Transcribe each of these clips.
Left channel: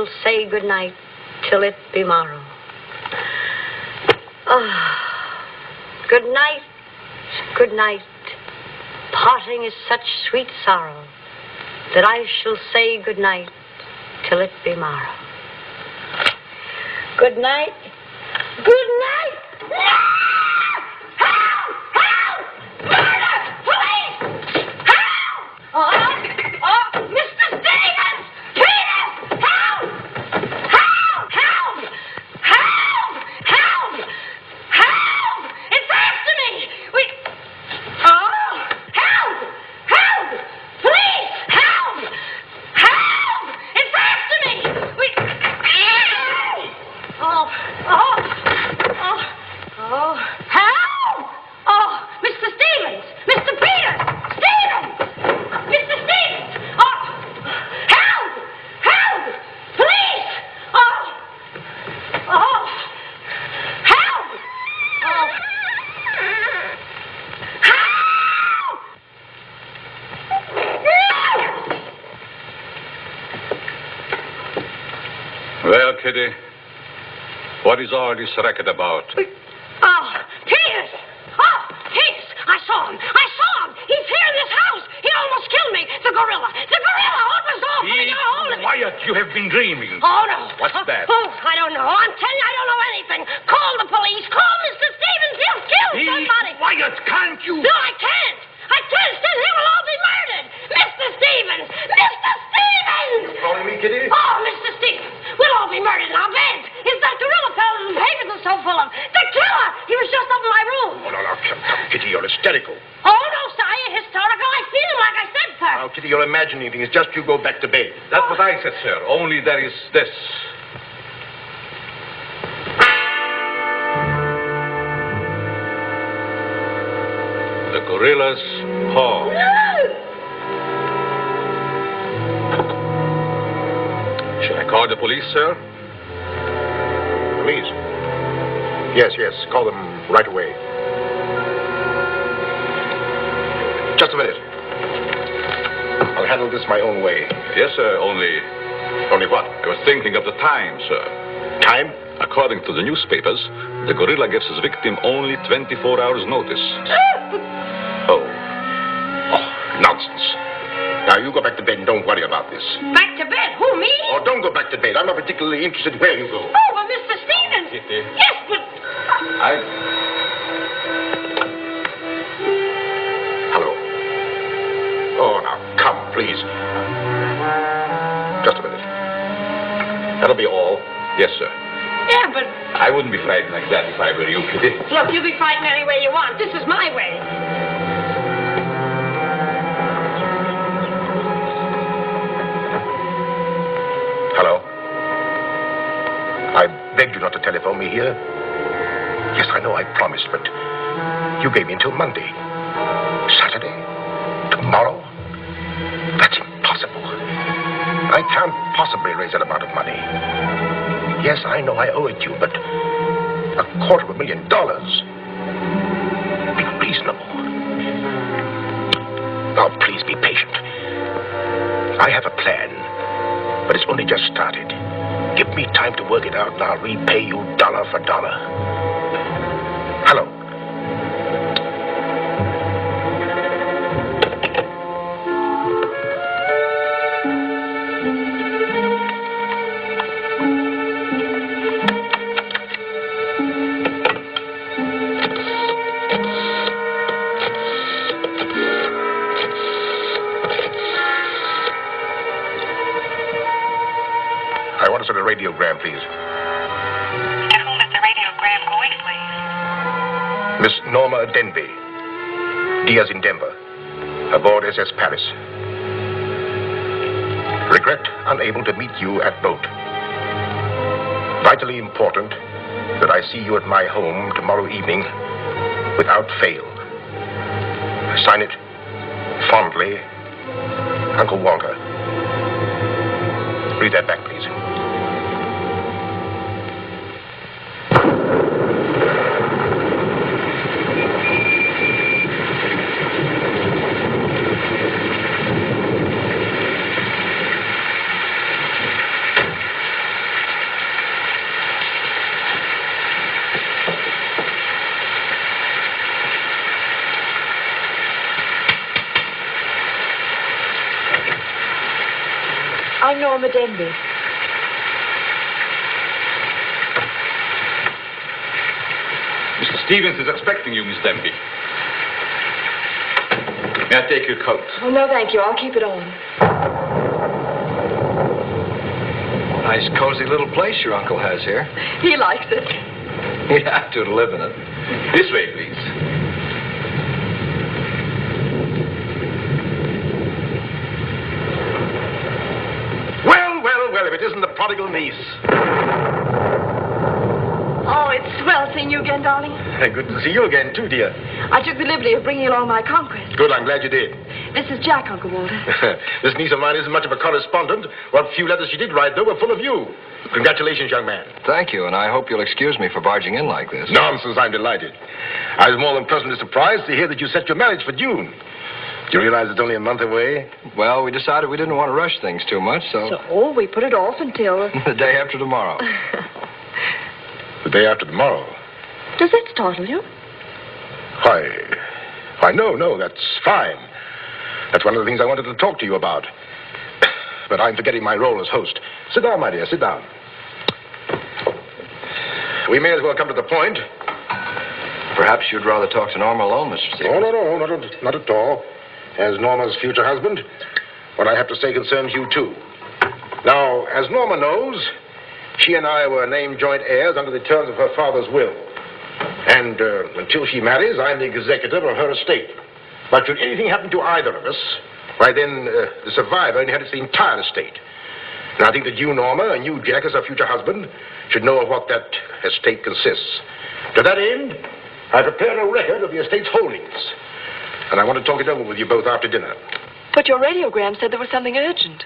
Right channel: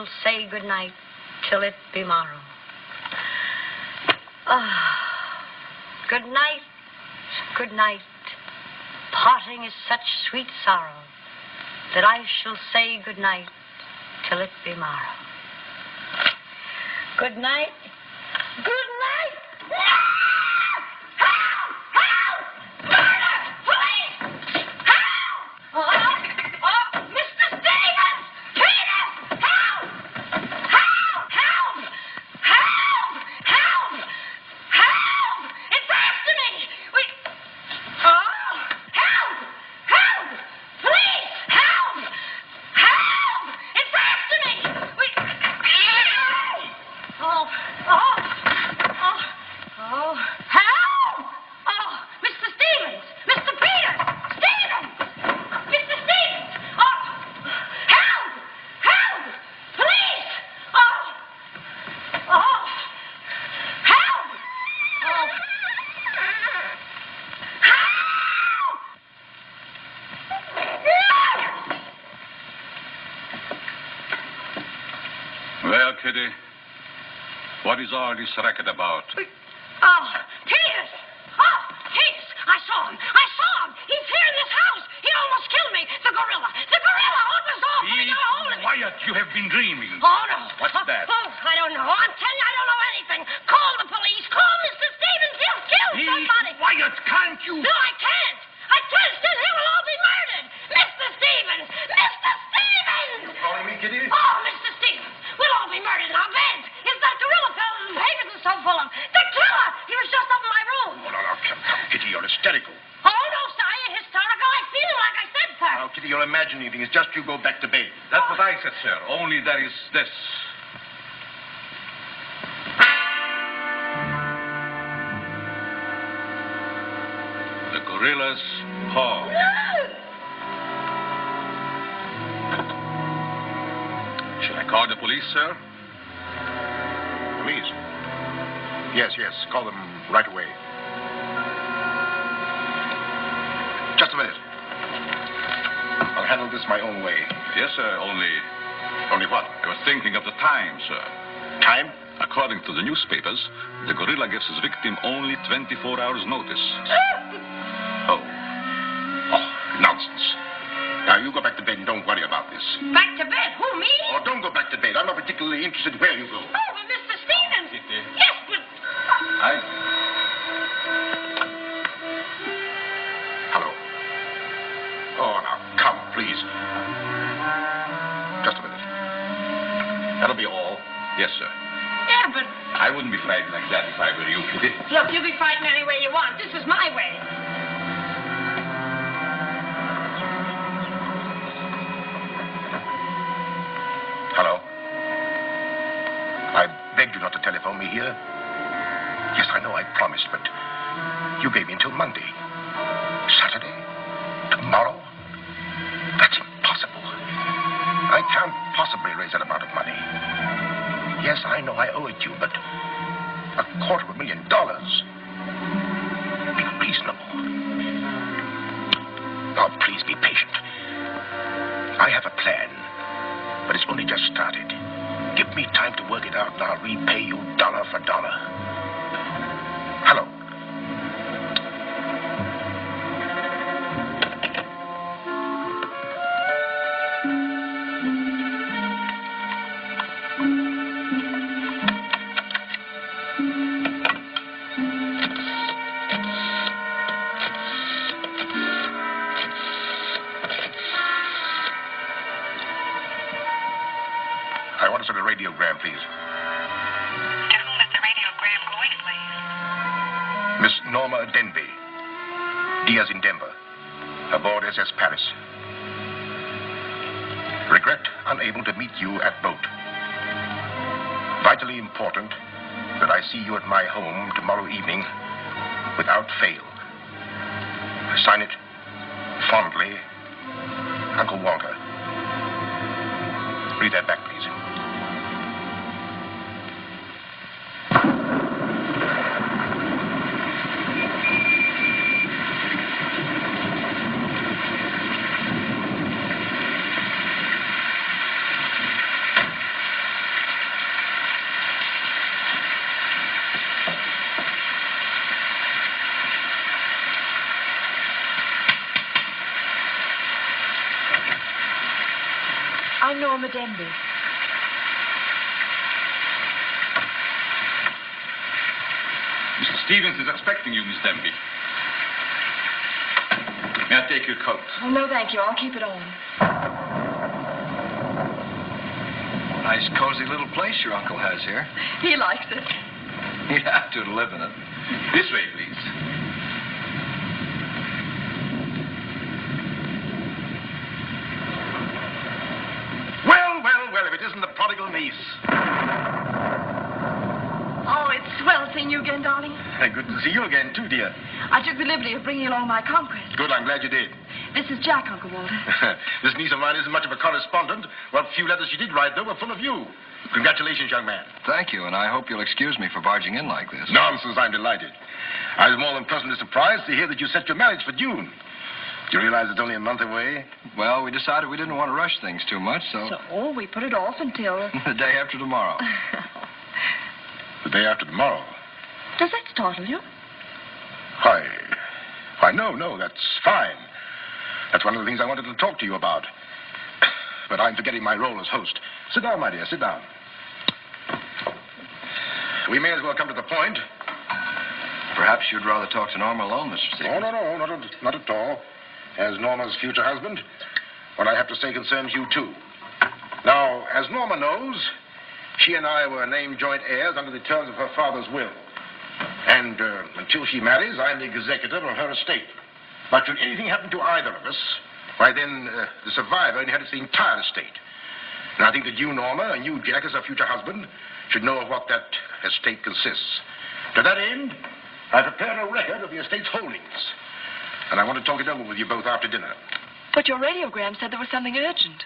shall say good night till it be morrow. Ah, good night, good night. Parting is such sweet sorrow that I shall say good night till it be morrow. Good night. Good night. No! Help! Help! Murder! Police! Help! Oh, Mr. Stevens! Peter! Help! Help! Help! Help! Help! Help! It's after me! Help! Help! Police! Help! Help! It's after me! Help! Oh, Mr. Stevens! Mr. Peter! Stevens! Mr. Stevens! Oh, help! Help! Police! Oh, help! Well, Kitty, what is all this racket about? Peters! Oh, Peters! I saw him! He's here in this house! He almost killed me! The gorilla! What was all putting a hold of me? Quiet, you have been dreaming. Oh, no. What's that? Oh, I don't know. I'm telling you, I don't know anything. Call the police. Call Mr. Stevens. He'll kill somebody. Quiet, can't you? No, I can't. Then he will all be murdered. Mr. Stevens! Mr. Stevens! You calling me, Kitty? Oh, Mr. Stevens! We'll all be murdered in our beds. Is that gorilla fellow the papers are so full of? The killer! He was just up in my room. Oh, no, come, Kitty, you're hysterical. Oh, no, sir, I ain't hysterical. I feel him like I said, sir. Now, Kitty, you're imagining things. Just you go back to bed. That's what I said, sir. Only there is this. The gorilla's paw. Should I call the police, sir? Police? Yes. Call them right away. Just a minute. I'll handle this my own way. Yes, sir, only what? I was thinking of the time, sir. Time? According to the newspapers, the gorilla gives his victim only 24 hours' notice. Oh, nonsense. Now, you go back to bed and don't worry about this. Back to bed? Who, me? Oh, don't go back to bed. I'm not particularly interested where you go. Oh, but Mr. Stevens. Kitty. Yes, but... Hello. Oh, now, come, please. Just a minute. That'll be all. Yes, sir. Yeah, but... I wouldn't be frightened like that if I were you, Kitty. Look, you be frightened any way you want. This is my way. Hello. I begged you not to telephone me here. Yes, I know I promised, but you gave me until Monday. Saturday? Tomorrow? That's impossible. I can't possibly raise that amount of money. Yes, I know I owe it you, but $250,000. Be reasonable. Now, please be patient. I have a plan, but it's only just started. Give me time to work it out, and I'll repay you dollar for dollar. Hello. I want to send a radiogram, please. To whom is the radiogram going, please? Miss Norma Denby. Diaz in Denver. Aboard SS Paris. Regret unable to meet you at boat. Vitally important that I see you at my home tomorrow evening without fail. Sign it fondly, Uncle Walter. Read that back, please. Norma Denby. Mr. Stevens is expecting you, Miss Denby. May I take your coat? Oh, no, thank you. I'll keep it on. Nice, cozy little place your uncle has here. He likes it. He'd have to live in it. This way, please. Well, if it isn't the prodigal niece. Oh, it's swell seeing you again, darling. Good to see you again, too, dear. I took the liberty of bringing along my conquest. Good, I'm glad you did. This is Jack, Uncle Walter. This niece of mine isn't much of a correspondent. What few letters she did write, though, were full of you. Congratulations, young man. Thank you, and I hope you'll excuse me for barging in like this. Nonsense, I'm delighted. I was more than pleasantly surprised to hear that you set your marriage for June. Do you realize it's only a month away? Well, we decided we didn't want to rush things too much, so We put it off until... the day after tomorrow. The day after tomorrow. Does that startle you? Why, no, that's fine. That's one of the things I wanted to talk to you about. But I'm forgetting my role as host. Sit down, my dear, sit down. We may as well come to the point. Perhaps you'd rather talk to Norma alone, Mr. Stevens. No, not at all. As Norma's future husband, what I have to say concerns you, too. Now, as Norma knows, she and I were named joint heirs under the terms of her father's will. And until she marries, I'm the executor of her estate. But should anything happen to either of us, why then the survivor inherits the entire estate. And I think that you, Norma, and you, Jack, as her future husband, should know of what that estate consists. To that end, I prepared a record of the estate's holdings. And I want to talk it over with you both after dinner. But your radiogram said there was something urgent.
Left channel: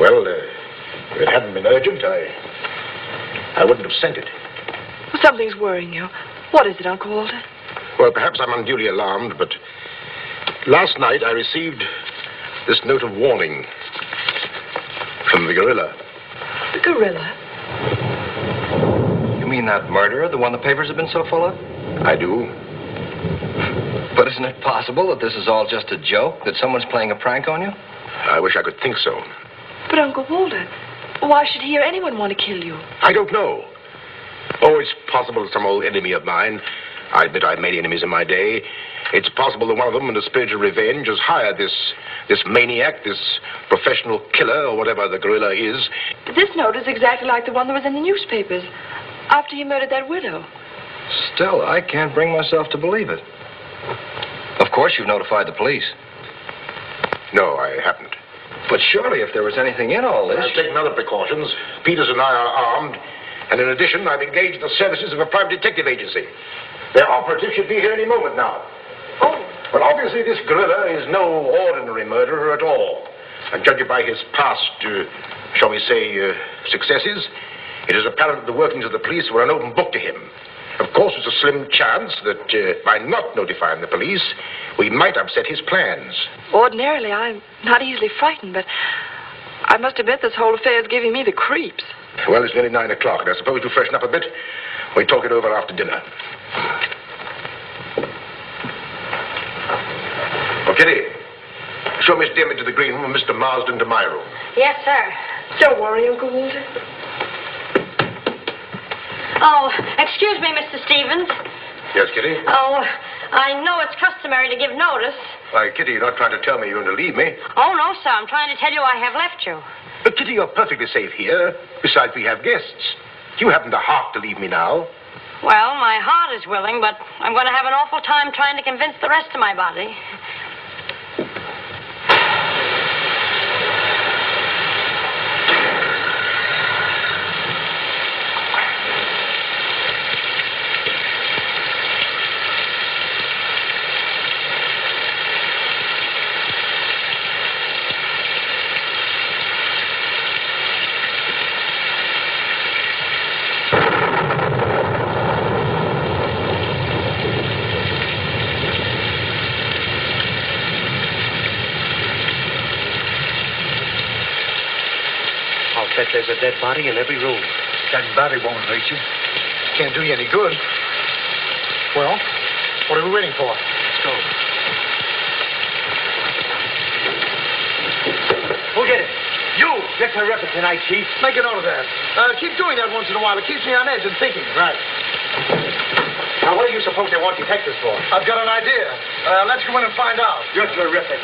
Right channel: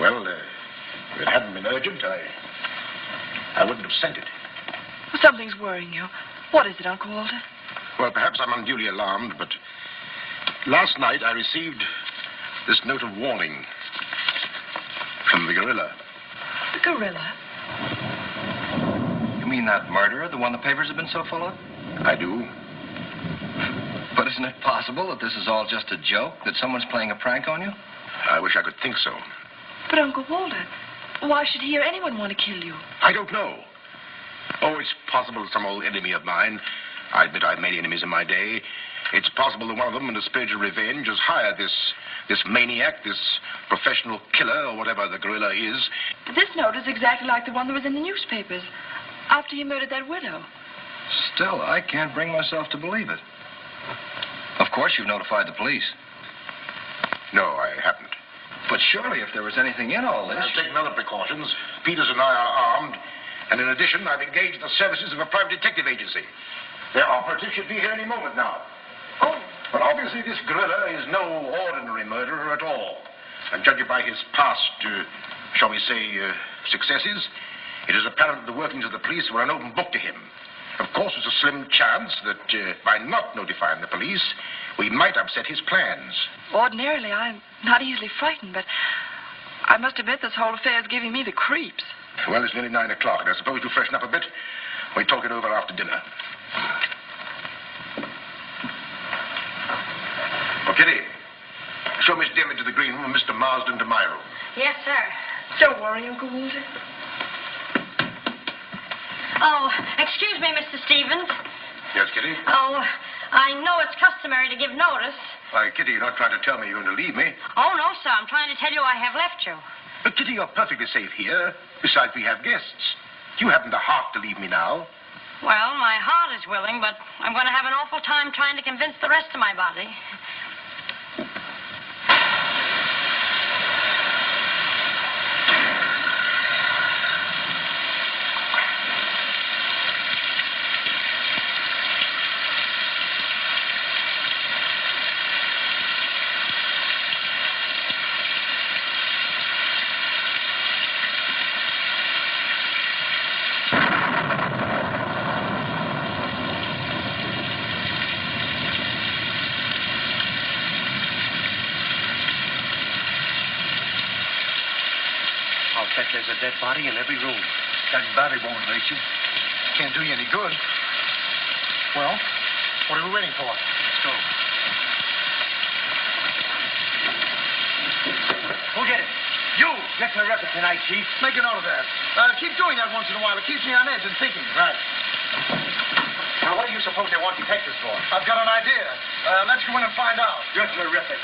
Well, if it hadn't been urgent, I wouldn't have sent it. Something's worrying you. What is it, Uncle Walter? Well, perhaps I'm unduly alarmed, but last night I received this note of warning from the gorilla. The gorilla? You mean that murderer, the one the papers have been so full of? I do. But isn't it possible that this is all just a joke, that someone's playing a prank on you? I wish I could think so. But, Uncle Walter, why should he or anyone want to kill you? I don't know. Oh, it's possible some old enemy of mine. I admit I've made enemies in my day. It's possible that one of them, in a spirit of revenge, has hired this maniac, this professional killer, or whatever the gorilla is. This note is exactly like the one that was in the newspapers after he murdered that widow. Still, I can't bring myself to believe it. Of course, you've notified the police. No, I haven't. But surely, if there was anything in all this... I've taken other precautions. Peters and I are armed. And in addition, I've engaged the services of a private detective agency. Their operative should be here any moment now. Oh. But obviously, this gorilla is no ordinary murderer at all. And judging by his past, shall we say, successes, it is apparent that the workings of the police were an open book to him. Of course, there's a slim chance that by not notifying the police, we might upset his plans. Ordinarily, I'm not easily frightened, but I must admit this whole affair is giving me the creeps. Well, it's nearly 9 o'clock, and I suppose to freshen up a bit, we talk it over after dinner. Oh, Kitty, show Miss Denby to the green room and Mr. Marsden to my room. Yes, sir. Don't worry, Uncle Walter. Oh, excuse me, Mr. Stevens. Yes, Kitty? Oh, I know it's customary to give notice. Why, Kitty, you're not trying to tell me you're going to leave me. Oh, no, sir. I'm trying to tell you I have left you. But, Kitty, you're perfectly safe here. Besides, we have guests. You haven't the heart to leave me now. Well, my heart is willing, but I'm going to have an awful time trying to convince the rest of my body. There's a dead body in every room. That body won't hurt you. Can't do you any good. Well, what are we waiting for? Let's go. Who did it? You get terrific tonight, Chief. Make a note of that. Keep doing that once in a while. It keeps me on edge and thinking. Right. Now, what do you suppose they want detectives for? I've got an idea. Let's go in and find out. You're terrific.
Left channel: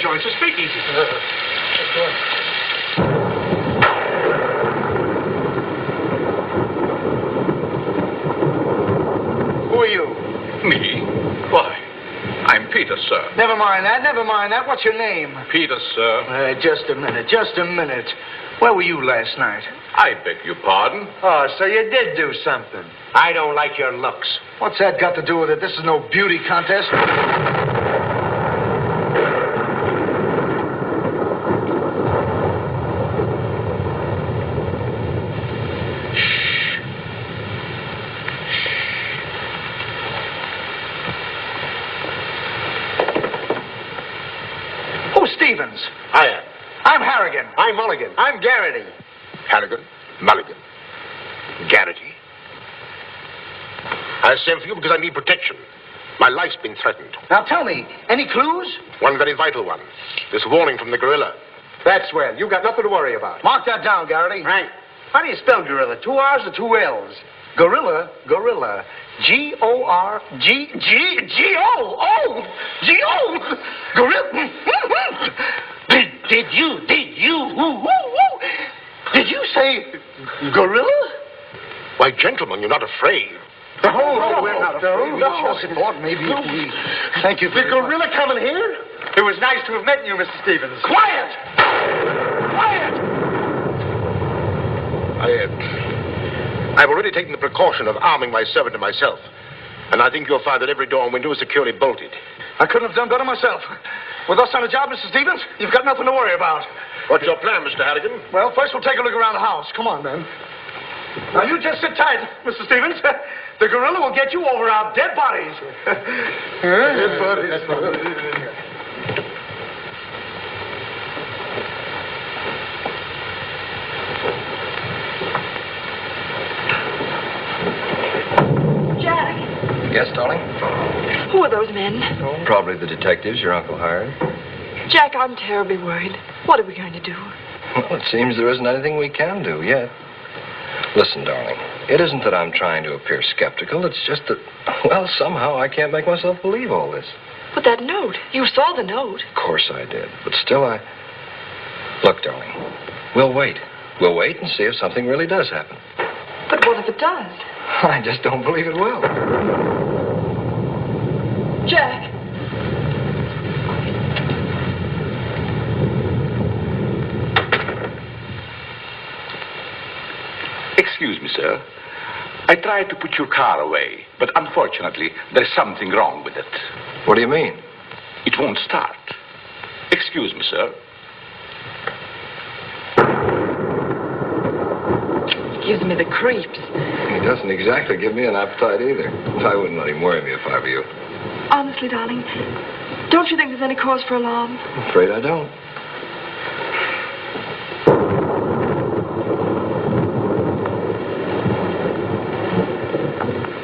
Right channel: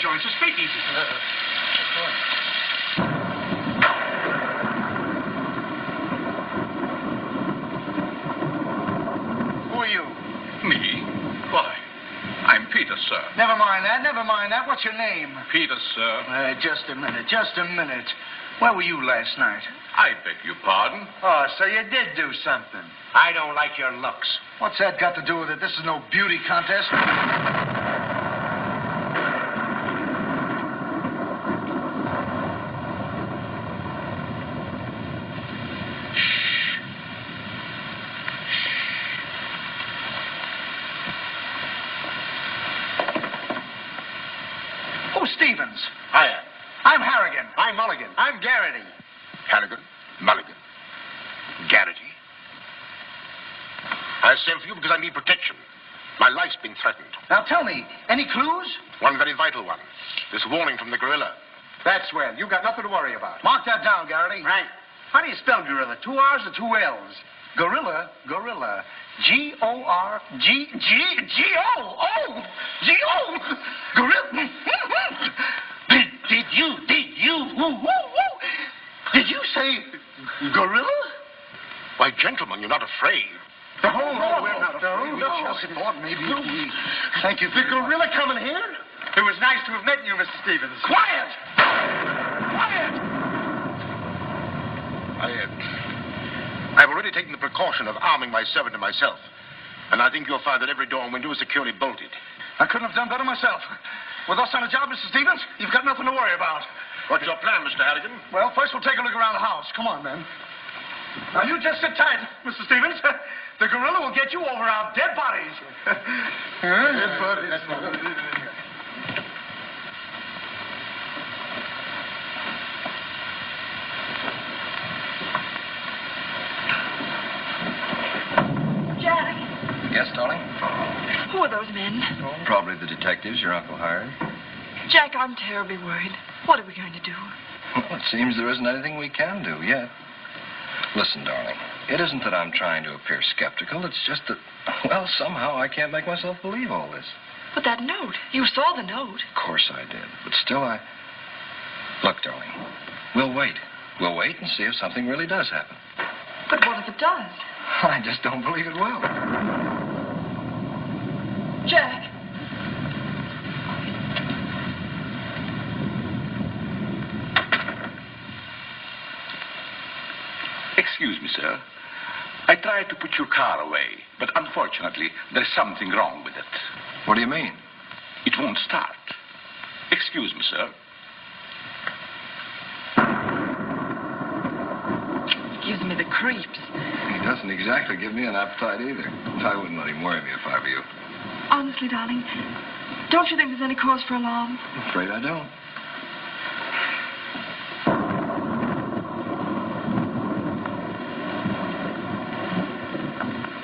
Joe, it's a speakeasy. Who are you? Me? Why? I'm Peter, sir. Never mind that. What's your name? Peter, sir. Just a minute. Where were you last night? I beg your pardon. Oh, so you did do something. I don't like your looks. What's that got to do with it? This is no beauty contest. I'm Harrigan. I'm Mulligan. I'm Garrity. Harrigan, Mulligan, Garrity. I sent for you because I need protection. My life's been threatened. Now tell me, any clues? One very vital one. This warning from the gorilla. That's well. You got nothing to worry about. Mark that down, Garrity. Right. How do you spell gorilla? 2 R's or 2 L's? Gorilla. G-O-R-G-G-G-O. G-O. Gorilla. Did you say gorilla? Why, gentlemen, you're not afraid. No, we're not afraid. We just thought maybe if we... Thank you The very much. gorilla coming here? It was nice to have met you, Mr. Stevens. Quiet! I've already taken the precaution of arming my servant and myself. And I think you'll find that every door and window is securely bolted. I couldn't have done better myself. With us on the job, Mr. Stevens, you've got nothing to worry about. What's your plan, Mr. Harrigan? Well, first we'll take a look around the house. Come on, man. Now, you just sit tight, Mr. Stevens. The gorilla will get you over our dead bodies. Dead bodies. Jack, Yes, darling? who are those men? Oh, probably the detectives your uncle hired. Jack, I'm terribly worried. What are we going to do? Well, it seems there isn't anything we can do yet. Listen, darling, it isn't that I'm trying to appear skeptical. It's just that, well, somehow I can't make myself believe all this. But that note, you saw the note. Of course I did, but still Look, darling, we'll wait. We'll wait and see if something really does happen. But what if it does? I just don't believe it will. Jack. Excuse me, sir. I tried to put your car away, but unfortunately, there's something wrong with it. What do you mean? It won't start. Excuse me, sir. Gives me the creeps. He doesn't exactly give me an appetite either. I wouldn't let him worry me if I were you. Honestly, darling, don't you think there's any cause for alarm? I'm afraid I don't.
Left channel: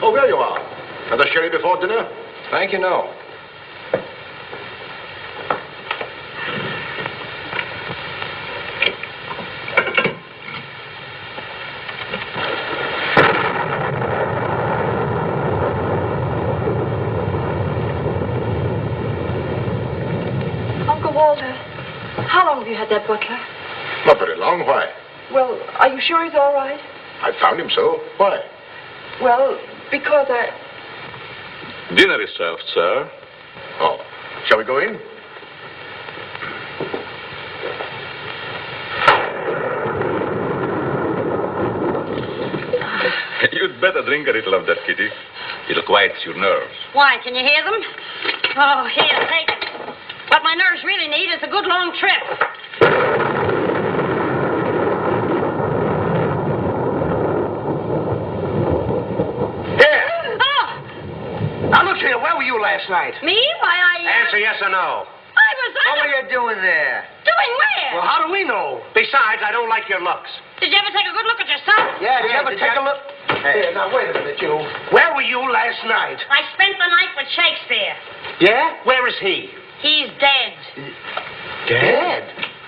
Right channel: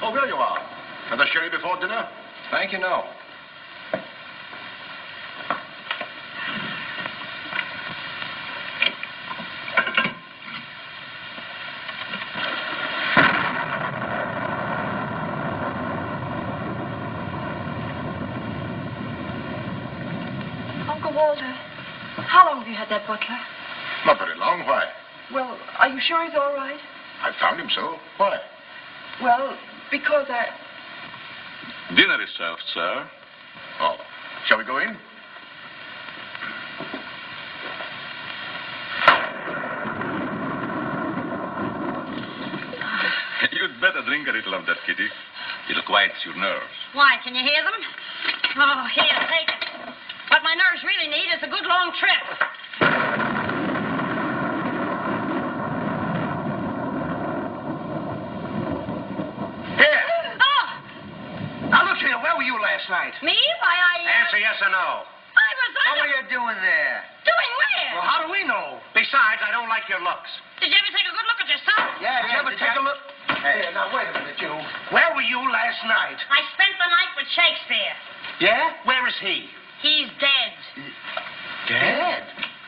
Oh, there you are. Another sherry before dinner? Thank you, no. Uncle Walter, how long have you had that butler? Not very long. Why? Well, are you sure he's all right? I found him so. Why? Well, because I... Dinner is served, sir. Oh, shall we go in? You'd better drink a little of that, Kitty. It'll quiet your nerves. Why, can you hear them? Oh, here, take it. What my nerves really need is a good long trip. Here. Oh, Now, look here. Where were you last night? me? Why, Answer yes or no. I was What were you doing there? Doing where? Well, how do we know? Besides, I don't like your looks. Did you ever take a good look at yourself? Yeah, did you ever take a look? Here, now, wait a minute, you. Where were you last night? I spent the night with Shakespeare. Yeah? Where is he? He's dead. Dead?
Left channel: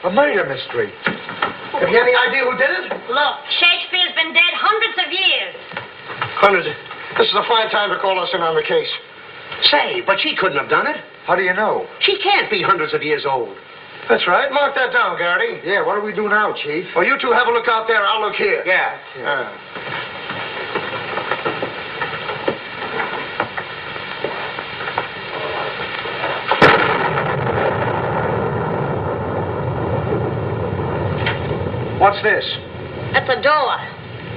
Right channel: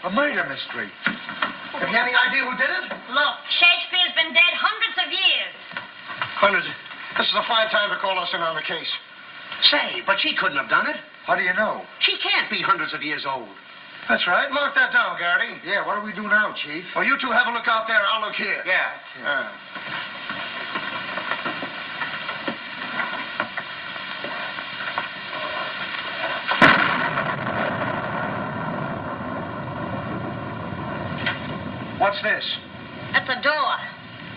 A murder mystery. Have you any idea who did it? Look, Shakespeare's been dead hundreds of years. Hundreds. This is a fine time to call us in on the case. Say, but she couldn't have done it. How do you know? She can't be hundreds of years old. That's right. Mark that down, Garrity. Yeah, what do we do now, Chief? Well, you two have a look out there. I'll look here. Yeah. What's this? That's a door.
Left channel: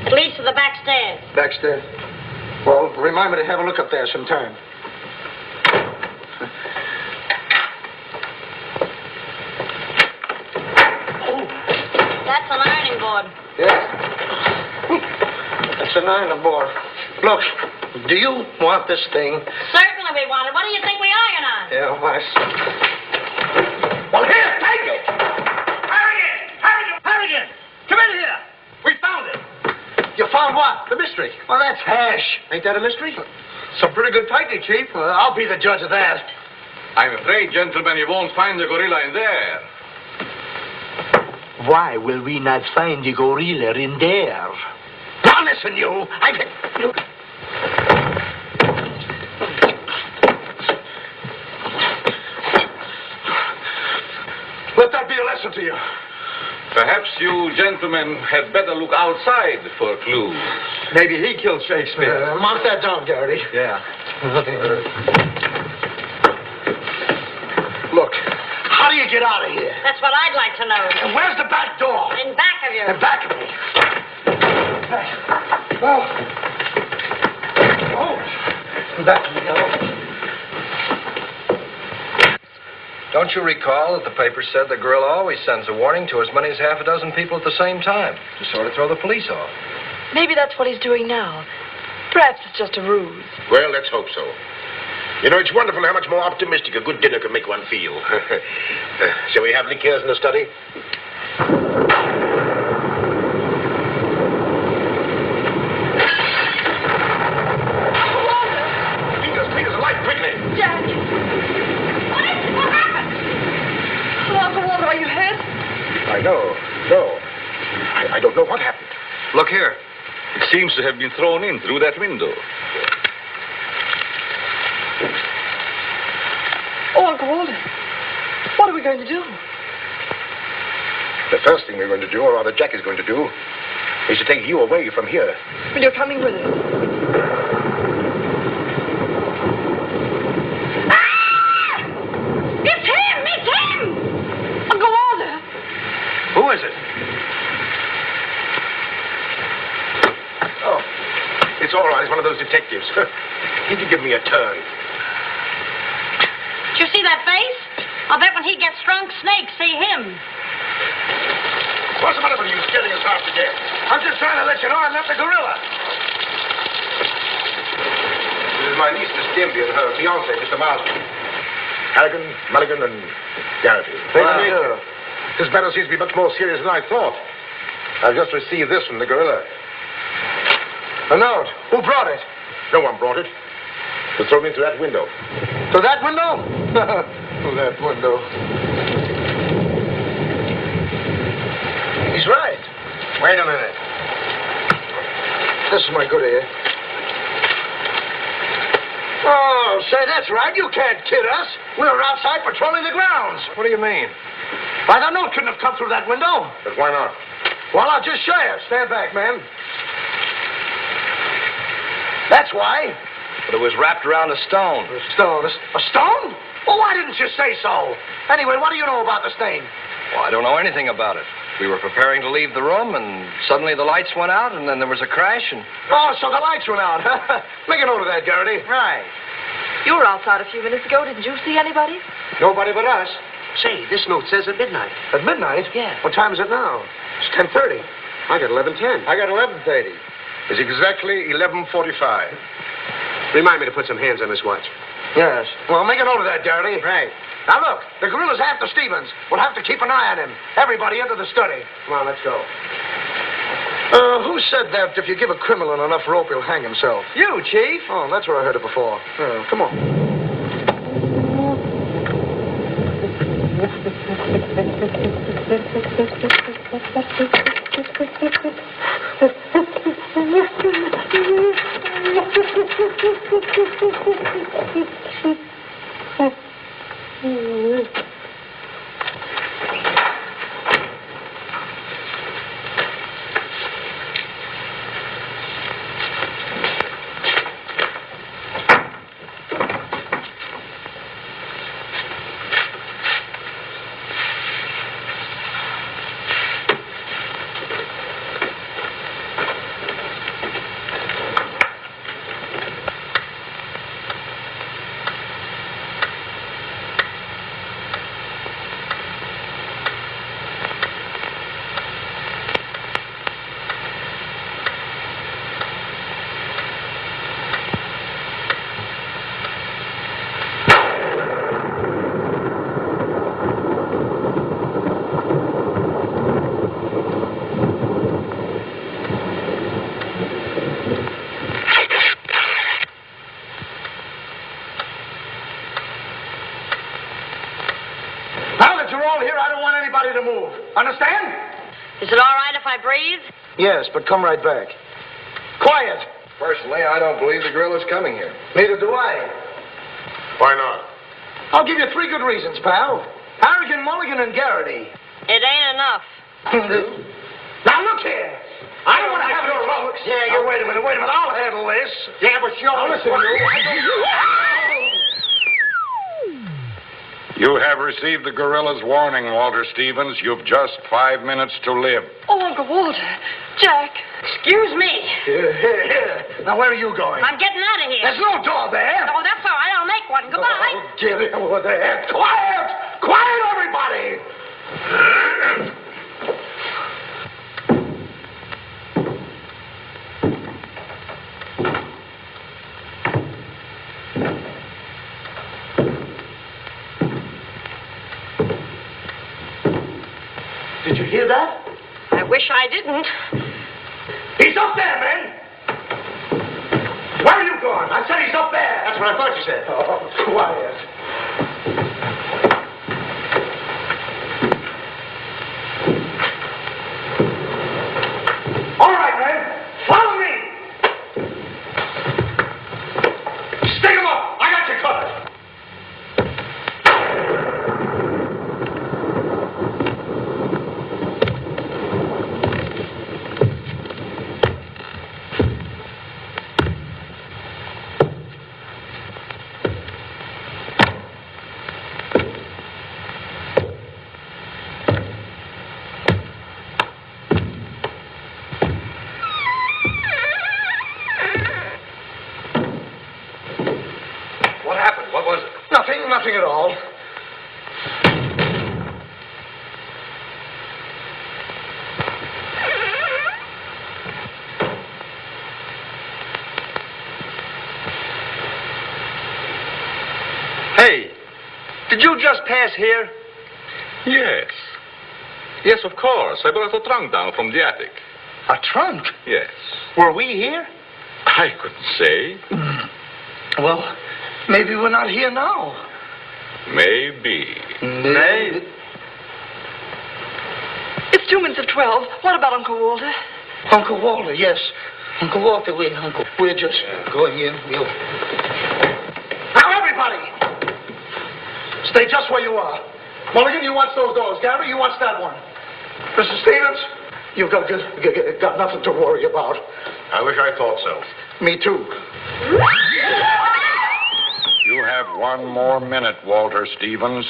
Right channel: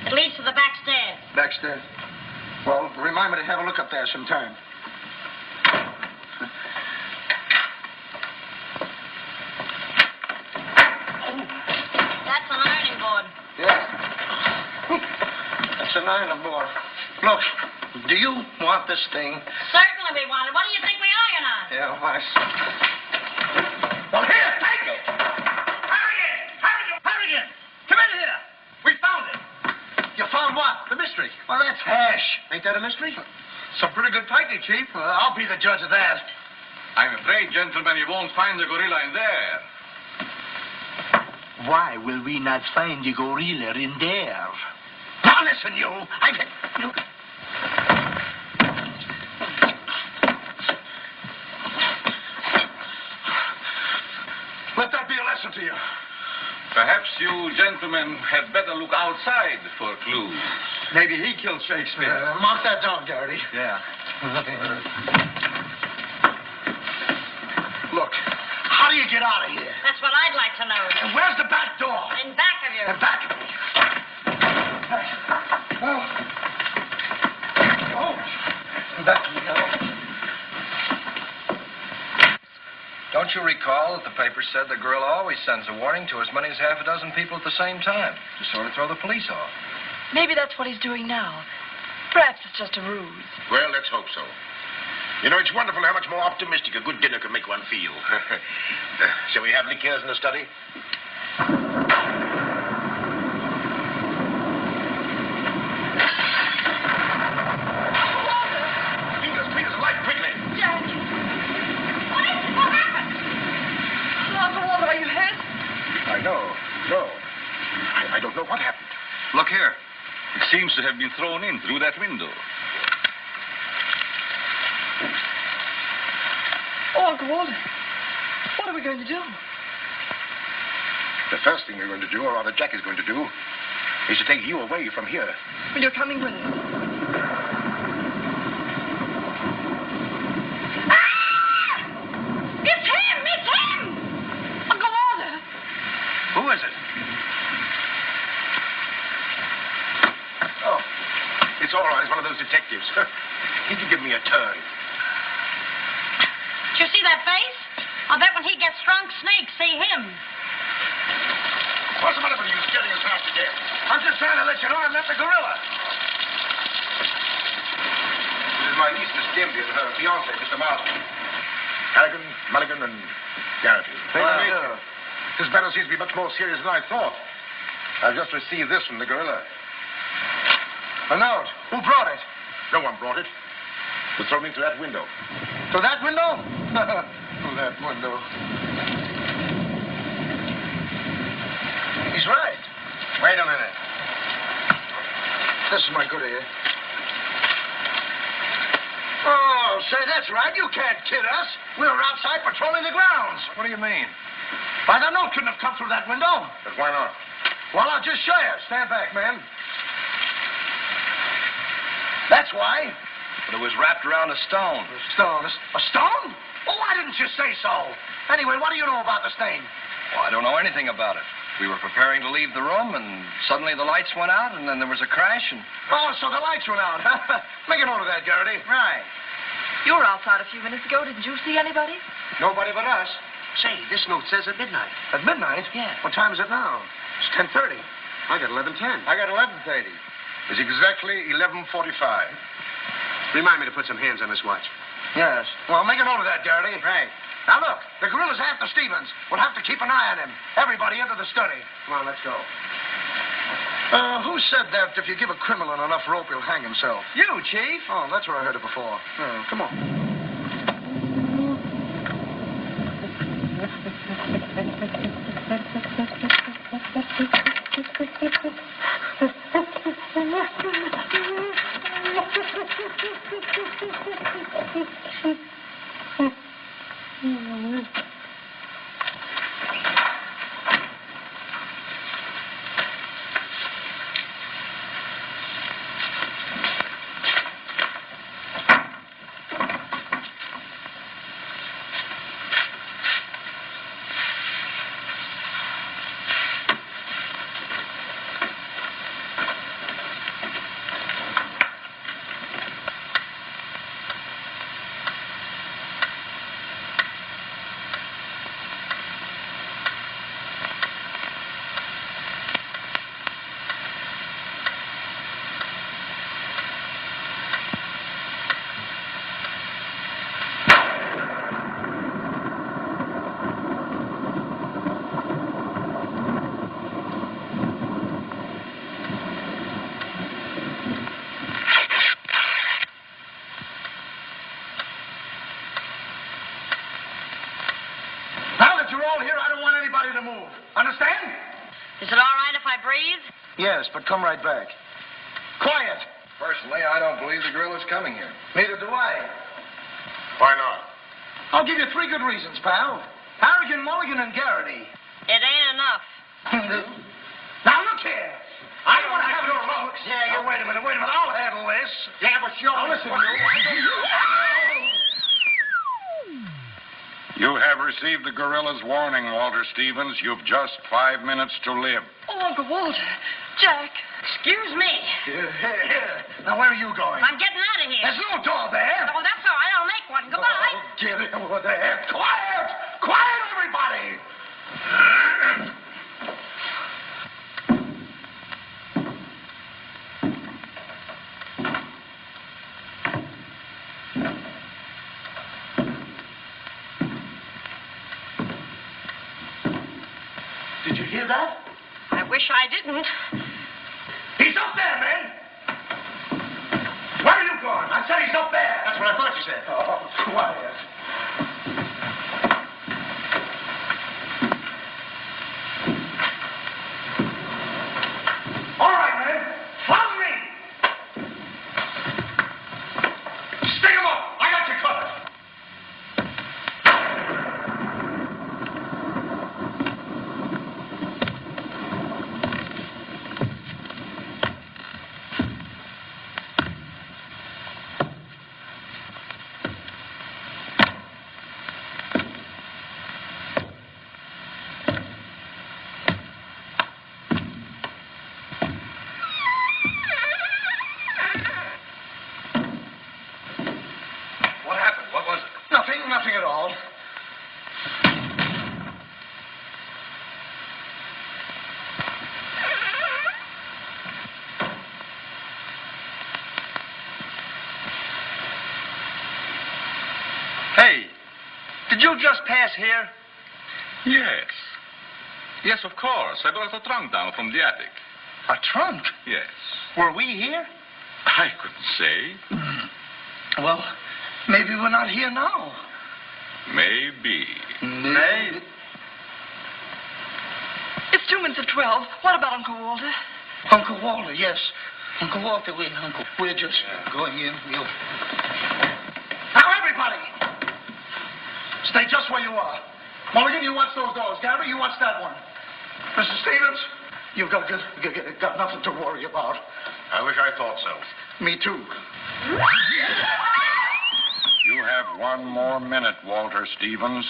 It leads to the back stairs. Backstairs. Well, remind me to have a look up there sometime. That's an ironing board. Yes. That's an iron board. Look, do you want this thing? Certainly we want it. What do you think we iron on? Yeah, why? Well, here, take it! Harrigan! Come in here! We found it! You found what? The mystery. Well, that's hash. Ain't that a mystery? Some pretty good fighting, Chief. I'll be the judge of that. I'm afraid, gentlemen, you won't find the gorilla in there. Why will we not find the gorilla in there? Now listen, you. Let that be a lesson to you. Perhaps you gentlemen had better look outside for clues. Maybe he killed Shakespeare. Mark that down, Garrity. Yeah. Look, how do you get out of here? That's what I'd like to know. And where's the back door? In back of you. In back of me. Back of me. Don't you recall that the paper said the gorilla always sends a warning to as many as half a dozen people at the same time to sort of throw the police off? Maybe that's what he's doing now. Perhaps it's just a ruse. Well, let's hope so. You know, it's wonderful how much more optimistic a good dinner can make one feel. Shall we have liqueurs in the study? Peter's alive, quickly. Jack! What happened? Well, Uncle Walter, are you hurt? I know. No. I don't know what happened. Look here. It seems to have been thrown in through that window. Oh, Uncle Walter, what are we going to do? The first thing we're going to do, or rather Jack is going to do, is to take you away from here. Well, you're coming with us. It's him! It's him! Uncle Walter! Who is it? Oh, it's all right. It's one of those detectives. He can give me a turn. Did you see that face? I'll bet when he gets drunk, snakes see him. What's the matter with you scaring us half to death? I'm just trying to let you know I'm not the gorilla. This is my niece, Miss Dimpy, and her fiancé, Mr. Marley. Harrigan, Mulligan, and Garrity. This matter seems to be much more serious than I thought. I've just received this from the gorilla. A note. Who brought it? No one brought it. It was thrown into that window. Through that window? Through that window. He's right. Wait a minute. This is my good ear. Oh, say, that's right. You can't kid us. We were outside patrolling the grounds. What do you mean? Why, the note couldn't have come through that window. But why not? Well, I'll just show you. Stand back, man. That's why. But it was wrapped around a stone. A stone? A stone? Well, why didn't you say so? Anyway, what do you know about this thing? Well, I don't know anything about it. We were preparing to leave the room, and suddenly the lights went out, and then there was a crash, and... Oh, so the lights went out. Make a note of that, Garrity. Right. You were outside a few minutes ago. Didn't you see anybody? Nobody but us. Say, this note says at midnight. At midnight? Yeah. What time is it now? It's 10:30. I got 11:10. I got 11:30. It's exactly 11:45. Remind me to put some hands on this watch. Yes. Well, make a note of that, Garrity. Right. Now, look, the gorilla's after Stevens. We'll have to keep an eye on him. Everybody into the study. Come on, let's go. Who said that if you give a criminal enough rope, he'll hang himself? You, Chief. Oh, that's where I heard it before. Come on. Understand? Is it all right if I breathe? Yes, but come right back. Quiet. Personally, I don't believe the Gorillaz coming here. Neither do I. Why not? I'll give you 3 good reasons, pal. Harrigan, Mulligan, and Garrity. It ain't enough. Now, look here. I don't want to have your folks. Yeah, wait a minute. I'll handle this. Yeah, but sure. Now, listen, you. You have received the Gorillaz' warning, Walter Stevens. You've just 5 minutes to live. Oh, Uncle Walter. Jack. Excuse me. Here. Now, where are you going? I'm getting out of here. There's no door there. Oh, that's all right. I'll make one. Goodbye. Oh, get it over there. Quiet! Quiet, everybody! Did you hear that? I wish I didn't. He's up there, man! Where are you going? I said he's up there. That's what I thought you said. Oh, quiet. All right, man. Follow me. Stick him up. I got you covered. Nothing at all. Hey, did you just pass here? Yes. Yes, of course. I brought a trunk down from the attic. A trunk? Yes. Were we here? I couldn't say. Well, maybe we're not here now. Maybe. Maybe. It's 2 minutes of 12. What about Uncle Walter? Uncle Walter, yes. Uncle Walter, we're just going in. Now, everybody! Stay just where you are. Mulligan, you watch those doors. Gary, you watch that one. Mr. Stevens, you've got nothing to worry about. I wish I thought so. Me too. You have 1 more minute, Walter Stevens.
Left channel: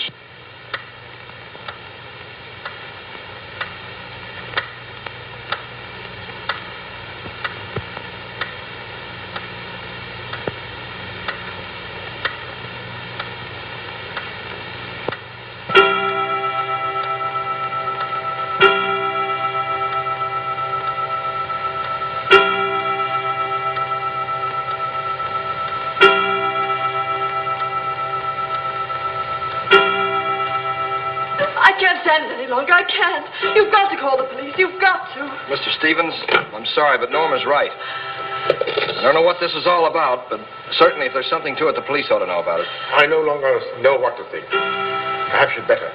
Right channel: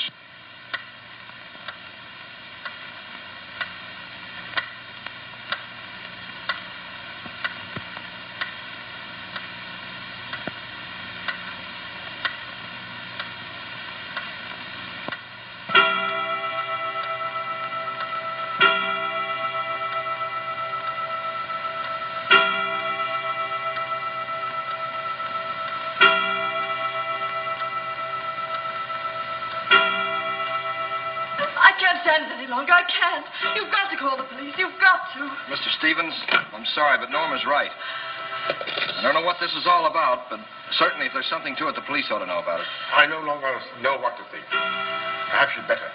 I can't stand it any longer. I can't. You've got to call the police. You've got to. Mr. Stevens, I'm sorry, but Norma's right. I don't know what this is all about, but certainly if there's something to it, the police ought to know about it. I no longer know what to think. Perhaps you'd better.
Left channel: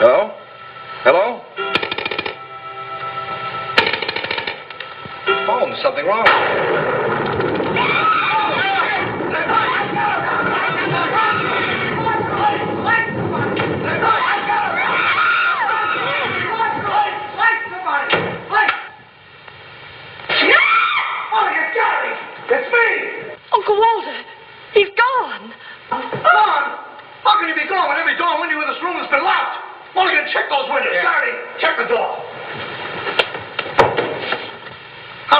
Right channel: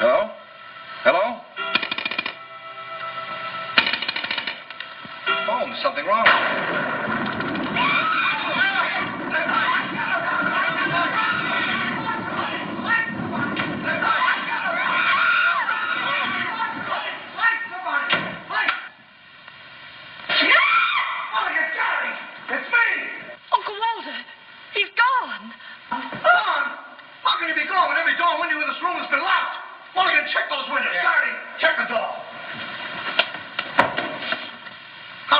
Oh?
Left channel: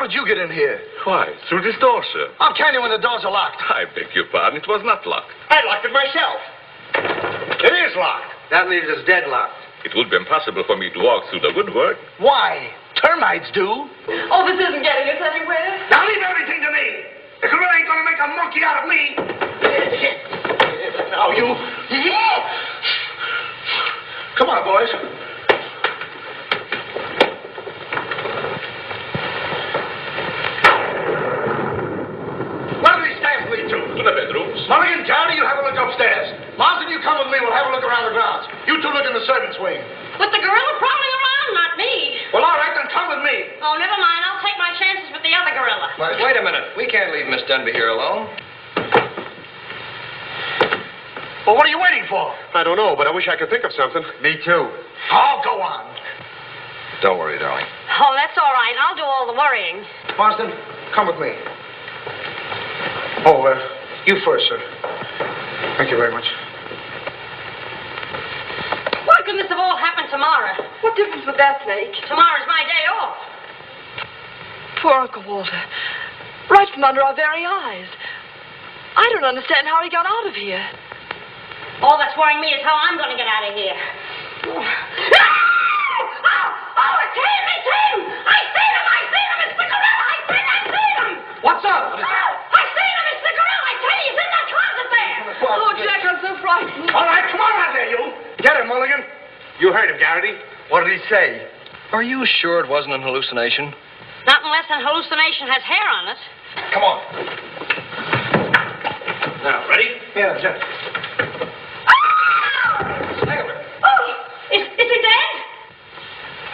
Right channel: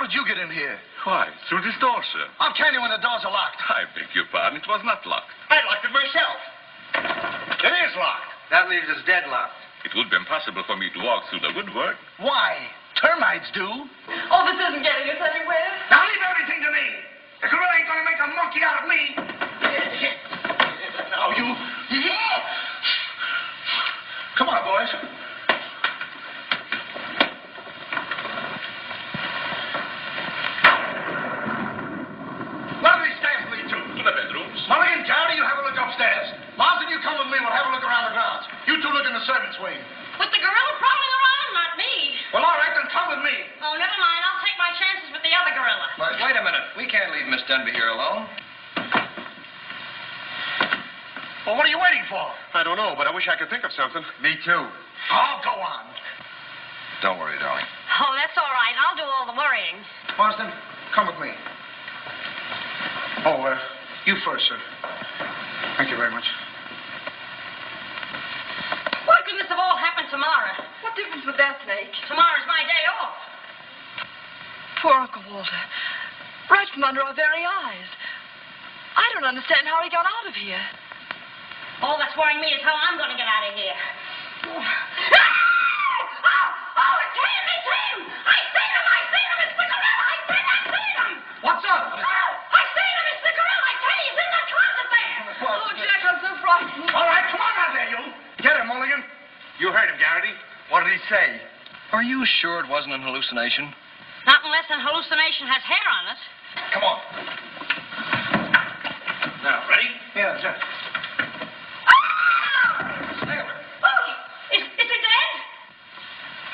did you get in here? Why, through this door, sir. How can you when the doors are locked? I beg your pardon. It was not locked. I locked it myself. It is locked. That leaves us deadlocked. It would be impossible for me to walk through the woodwork. Why? Termites do. Oh, this isn't getting us anywhere. Now leave everything to me. The gorilla ain't gonna make a monkey out of me. Now you. Come on, boys. Where do these stairs lead to? To the bedrooms. Mulligan, Johnny, you have a look upstairs. Marsden, you come with me. We'll have a look around the grounds. You two look in the servants' wing. With the gorilla prowling around, not me. Well, all right, then come with me. Oh, never mind. I'll take my chances with the other gorilla. Wait a minute. We can't leave Miss Denby here alone. Well, what are you waiting for? I don't know, but I wish I could think of something. Me too. Oh, go on. Don't worry, darling. Oh, that's all right. I'll do all the worrying. Marsden, come with me. Oh, you first, sir. Thank you very much. Why couldn't this have all happened tomorrow? What difference would that make? Tomorrow's my day off. Poor Uncle Walter. Right from under our very eyes. I don't understand how he got out of here. All that's worrying me is how I'm going to get out of here. Oh, it's him! It's him! I seen him! It's the gorilla! I seen him! What's up? I seen him! It's the gorilla! I tell you, he's in that closet there! Oh, Jack, I'm so frightened. All right, come on out there, you. Get him, Mulligan. You heard him, Garrity. What did he say? Are you sure it wasn't an hallucination? Not unless an hallucination has hair on it. Come on. Now, ready? Yeah, Jack. Is he dead?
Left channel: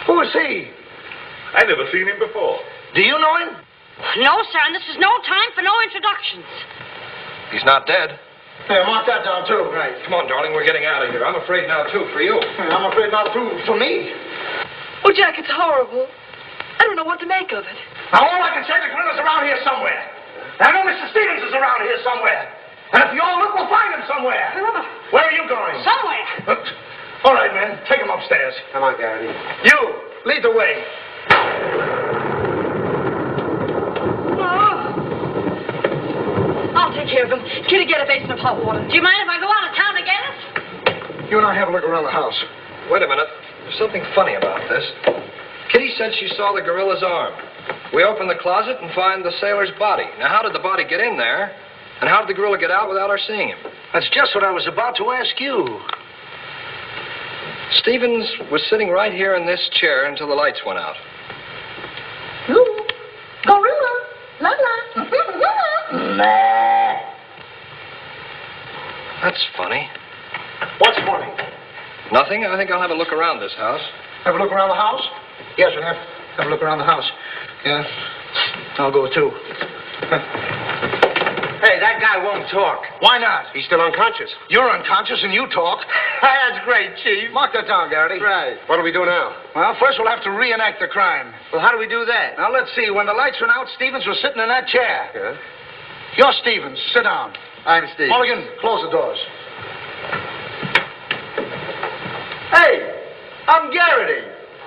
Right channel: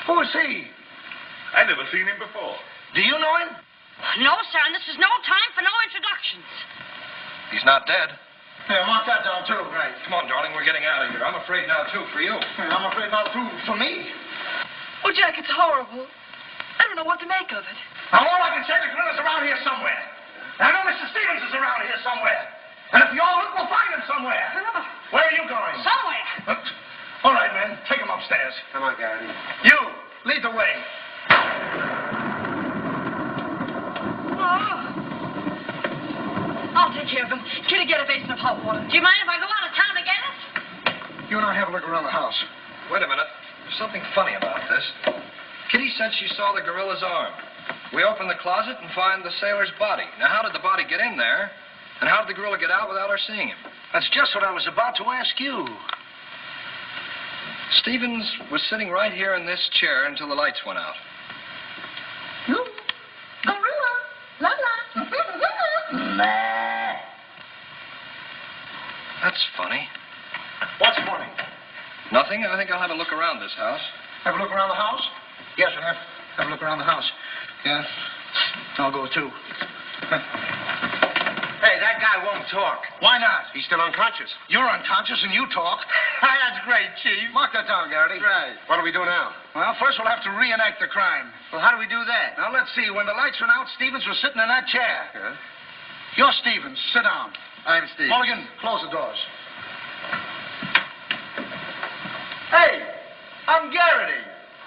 Who is he? I never seen him before. Do you know him? No, sir, and this is no time for no introductions. He's not dead. Yeah, mark that down, too. Right. Come on, darling. We're getting out of here. I'm afraid now, too, for you. I'm afraid not, too, for me. Oh, Jack, it's horrible. I don't know what to make of it. Now, all I can say, the gorilla's around here somewhere. I know Mr. Stevens is around here somewhere. And if you all look, we'll find him somewhere. Where are you going? Somewhere. All right, man. Take him upstairs. Come on, Garrity. You, lead the way. I'll take care of him. Kitty, get a basin of hot water. Do you mind if I go out of town to get it? You and I have a look around the house. Wait a minute. There's something funny about this. Kitty said she saw the gorilla's arm. We open the closet and find the sailor's body. Now, how did the body get in there? And how did the gorilla get out without our seeing him? That's just what I was about to ask you. Stevens was sitting right here in this chair until the lights went out. Ooh, gorilla. La la. That's funny. What's funny? Nothing. I think I'll have a look around this house. Have a look around the house? Yes, we'll have a look around the house. Yeah. I'll go, too. Hey, that guy won't talk. Why not? He's still unconscious. You're unconscious and you talk. That's great, Chief. Mark that down, Garrity. Right. What do we do now? Well, first we'll have to reenact the crime. Well, how do we do that? Now, let's see. When the lights went out, Stevens was sitting in that chair. Yeah? You're Stevens. Sit down. I'm Steve. Mulligan, close the doors. Hey, I'm Garrity.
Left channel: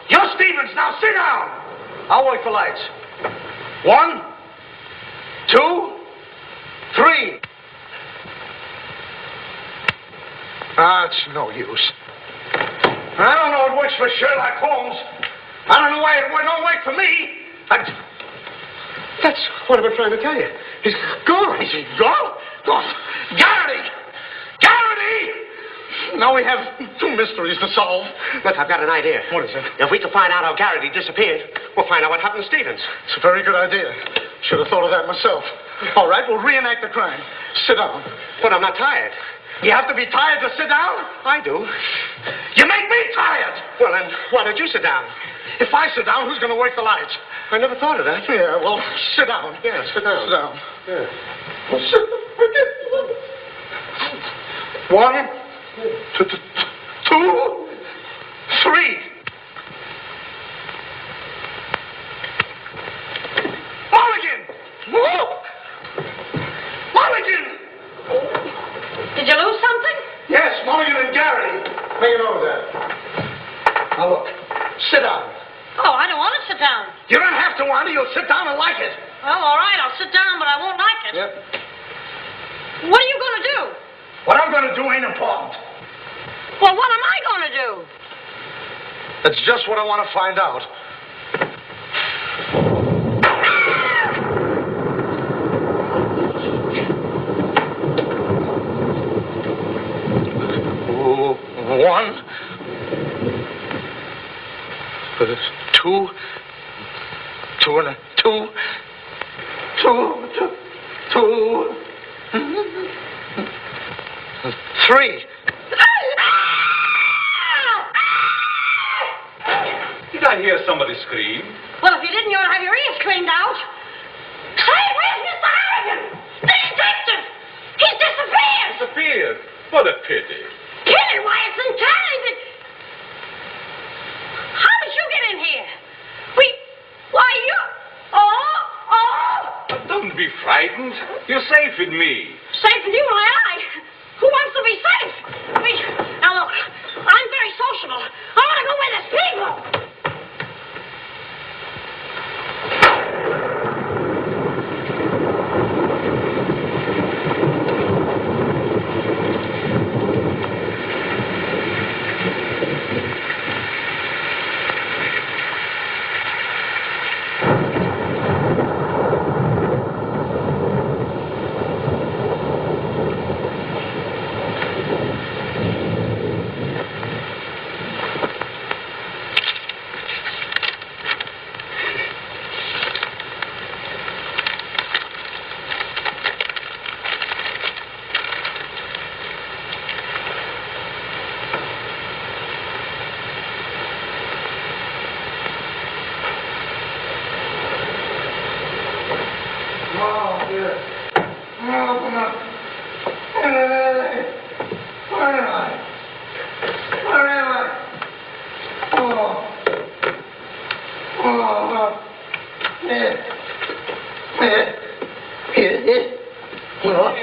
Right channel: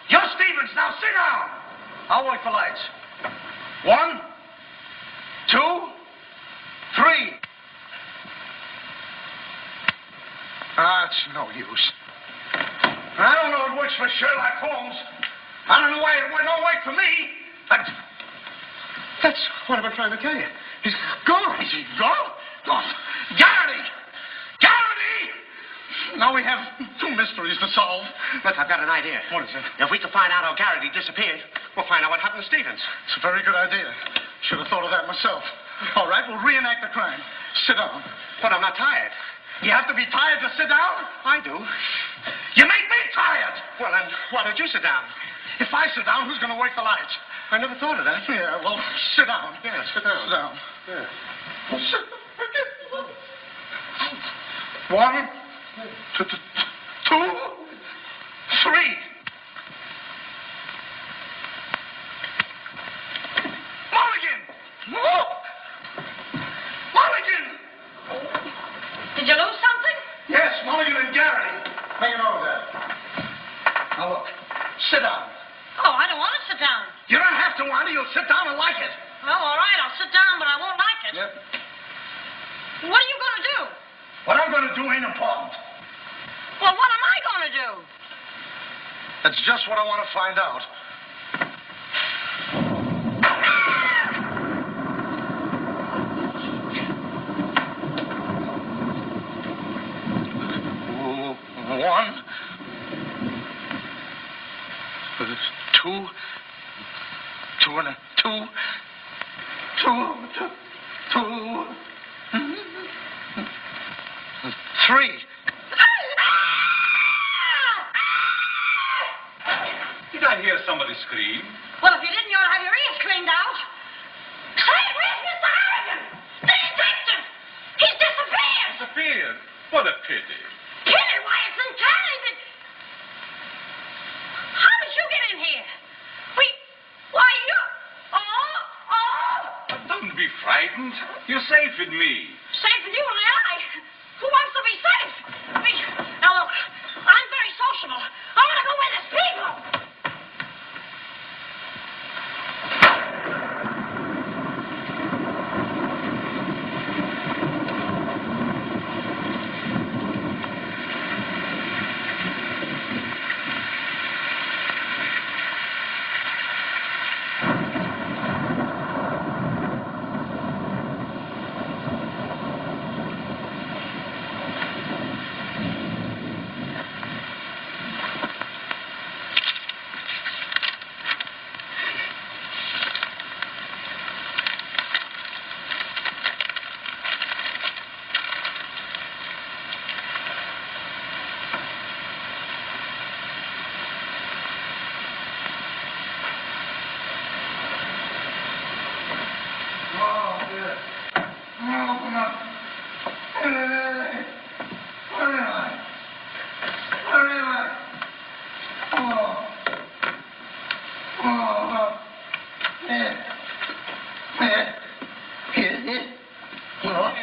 You're Stevens. Now, sit down. I'll wait for lights. 1, 2, 3. It's no use. I don't know it works for Sherlock Holmes. I don't know why it don't work for me. That's what I've been trying to tell you. He's gone. He's gone? Oh, Garrity! Garrity! Now we have 2 mysteries to solve. Look, I've got an idea. What is it? If we can find out how Garrity disappeared, we'll find out what happened to Stevens. It's a very good idea. Should have thought of that myself. All right, we'll reenact the crime. Sit down. But I'm not tired. You have to be tired to sit down? I do. You make me tired. Well, then, why don't you sit down? If I sit down, who's going to work the lights? I never thought of that. Yeah, well, sit down. Yeah, sit down. Sit down. Yeah. Well, sit down. 1, 2, 3. Mulligan! Whoa! Mulligan! Did you lose something? Yes, Mulligan and Garrity. Make a note of that. Now, look. Sit down. Oh, I don't want to sit down. You don't have to want it. You'll sit down and like it. Well, all right, I'll sit down, but I won't like it. Yep. What are you going to do? What I'm going to do ain't important. Well, what am I going to do? That's just what I want to find out. One. Two. Two and a two. Two. Three. Did I hear somebody scream? Well, if you didn't, you'll have your ears cleaned out. Say, where's Mr. Harrigan? The detective! He's disappeared! Disappeared? What a pity. Pity? Why, it's entirely... How did you get in here? Why, you... Oh! Don't be frightened. You're safe with me. Safe with you, I. Who wants to be safe? Now, look, I'm very sociable. I want to go where there's people.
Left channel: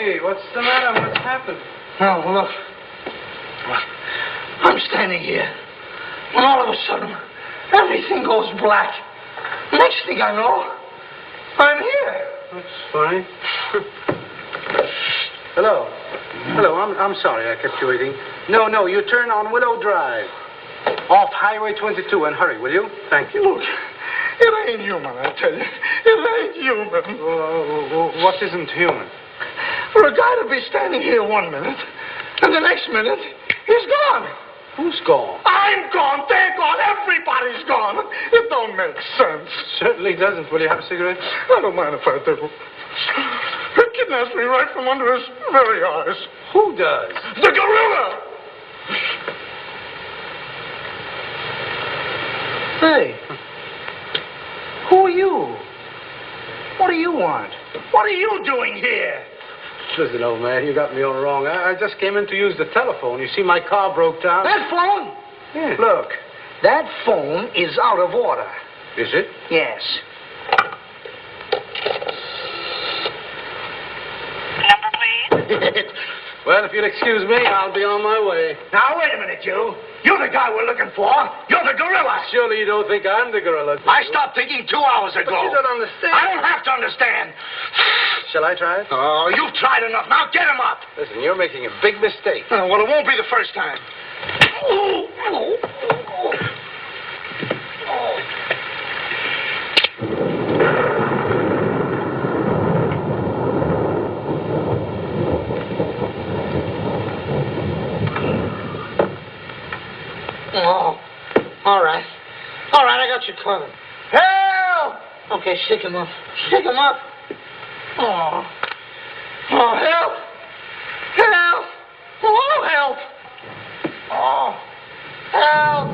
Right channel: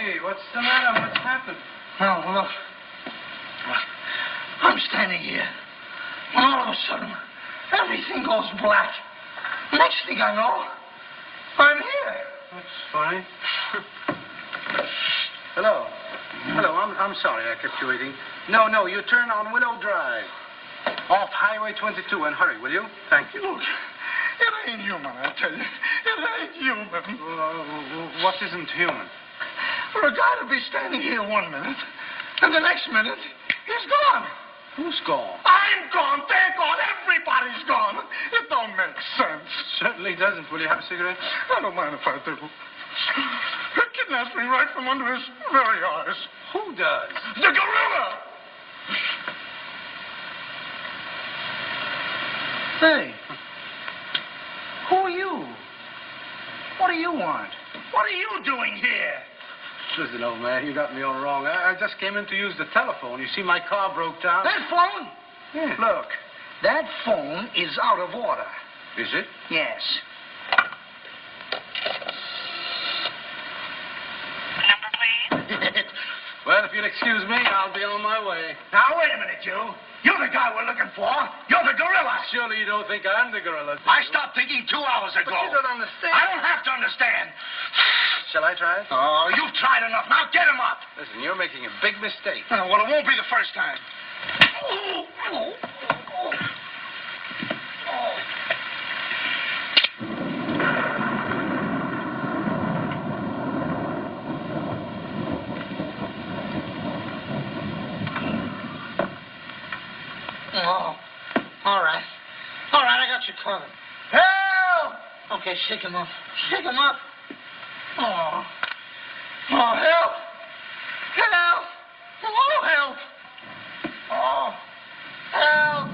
Hey, what's the matter? What's happened? Oh, look. I'm standing here. And all of a sudden, everything goes black. Next thing I know, I'm here. That's funny. Hello. I'm sorry I kept you waiting. No, you turn on Willow Drive. Off Highway 22 and hurry, will you? Thank you. Look, it ain't human, I tell you. It ain't human. What isn't human? For a guy to be standing here 1 minute, and the next minute, he's gone. Who's gone? I'm gone. They're gone. Everybody's gone. It don't make sense. Certainly doesn't. Will you have a cigarette? I don't mind if I do. He kidnaps me right from under his very eyes. Who does? The gorilla! Hey. Who are you? What do you want? What are you doing here? Listen, old man, you got me all wrong. I just came in to use the telephone. You see, my car broke down. That phone? Yeah. Look, that phone is out of order. Is it? Yes. Number, please. Well, if you'll excuse me, I'll be on my way. Now, wait a minute, you. You're the guy we're looking for. You're the gorilla. Surely you don't think I'm the gorilla. I stopped thinking 2 hours ago. But you don't understand. I don't have to understand. Shall I try it? Oh, you've tried enough. Now get him up. Listen, you're making a big mistake. Well, it won't be the first time. Oh, all right. All right, I got you covered. Help! Okay, shake him up. Shake him up. Oh, help! Help! Oh, help! Oh, help!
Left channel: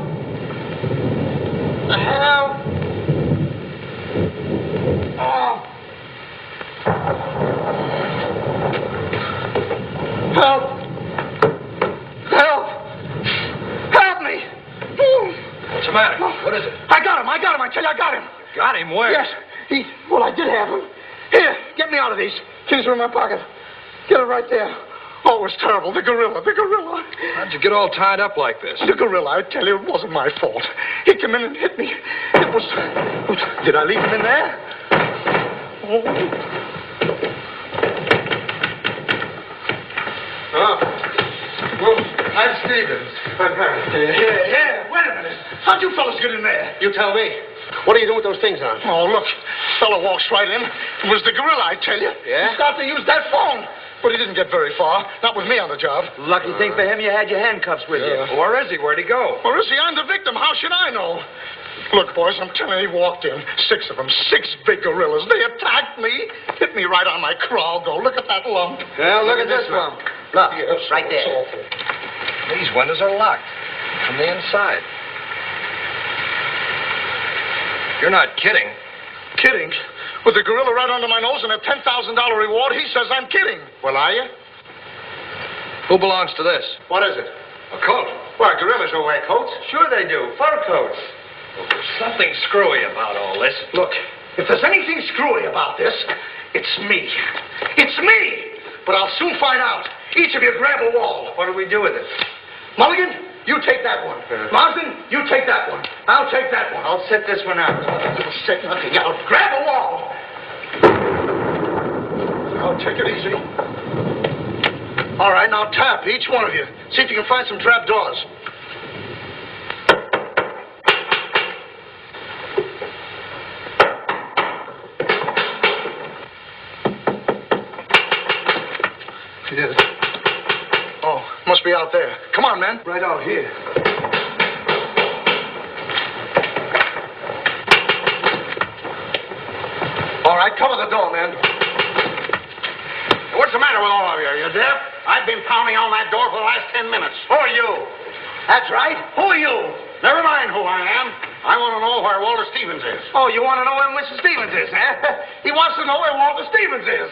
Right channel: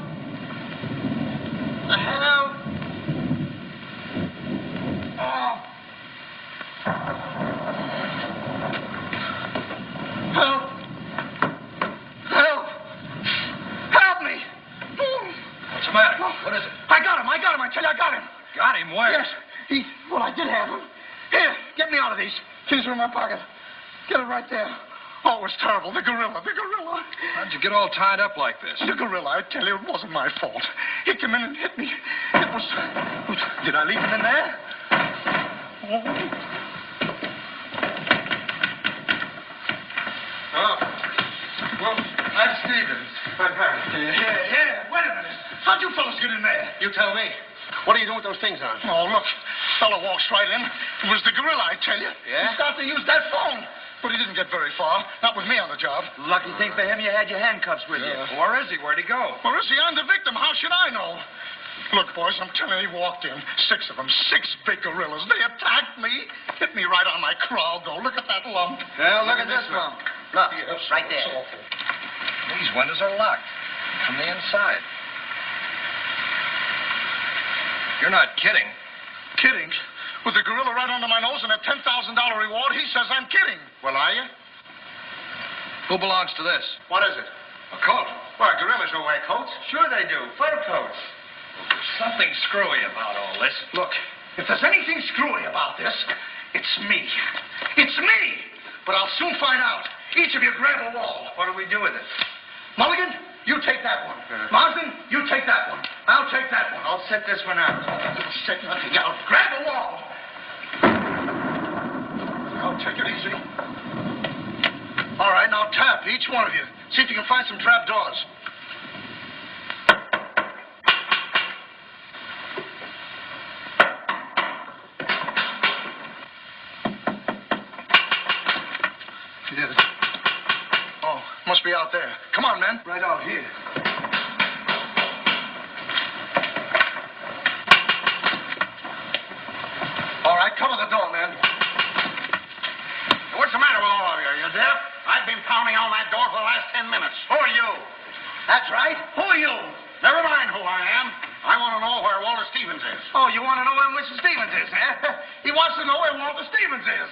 Help! Oh. Help! Help! Help me! What's the matter? What is it? I got him. I tell you, I got him. Got him where? Yes. Well, I did have him. Here, get me out of these. These are in my pocket. Get it right there. Oh, it was terrible. The gorilla. How'd you get all tied up like this? The gorilla, I tell you, it wasn't my fault. He came in and hit me. It Did I leave him in there? Oh. Well, I'm Stevens. I'm Harry. Yeah. Wait a minute. How'd you fellas get in there? You tell me. What are you doing with those things on? Oh, look. Fella walks right in. It was the gorilla, I tell you. Yeah? He started to use that phone. But he didn't get very far. Not with me on the job. Lucky thing for him you had your handcuffs with you. Where is he? Where'd he go? Where is he? I'm the victim. How should I know? Look, boys, I'm telling you, he walked in. 6 of them. 6 big gorillas. They attacked me. Hit me right on my crawl, though. Look at that lump. Yeah, look at this one. Look, Yes, right it's there. awful. These windows are locked from the inside. You're not kidding. Kidding? With the gorilla right under my nose and a $10,000 reward, he says I'm kidding. Well, are you? Who belongs to this? What is it? A coat. Well, gorillas don't wear coats. Sure they do. Fur coats. Well, there's something screwy about all this. Look, if there's anything screwy about this, it's me. It's me! But I'll soon find out. Each of you grab a wall. What do we do with it? Mulligan, you take that one. Marsden, you take that one. I'll take that one. I'll set this one out. You'll set nothing out. Grab a wall. Now, take it easy. All right, now tap, each one of you. See if you can find some trap doors. Yes. Oh, must be out there. Come on, men. Right out here. All right, cover the door, man. What's the matter with all of you? You deaf? I've been pounding on that door for the last 10 minutes. Who are you? That's right. Who are you? Never mind who I am. I want to know where Walter Stevens is. Oh, you want to know where Mr. Stevens is, eh? He wants to know where Walter Stevens is.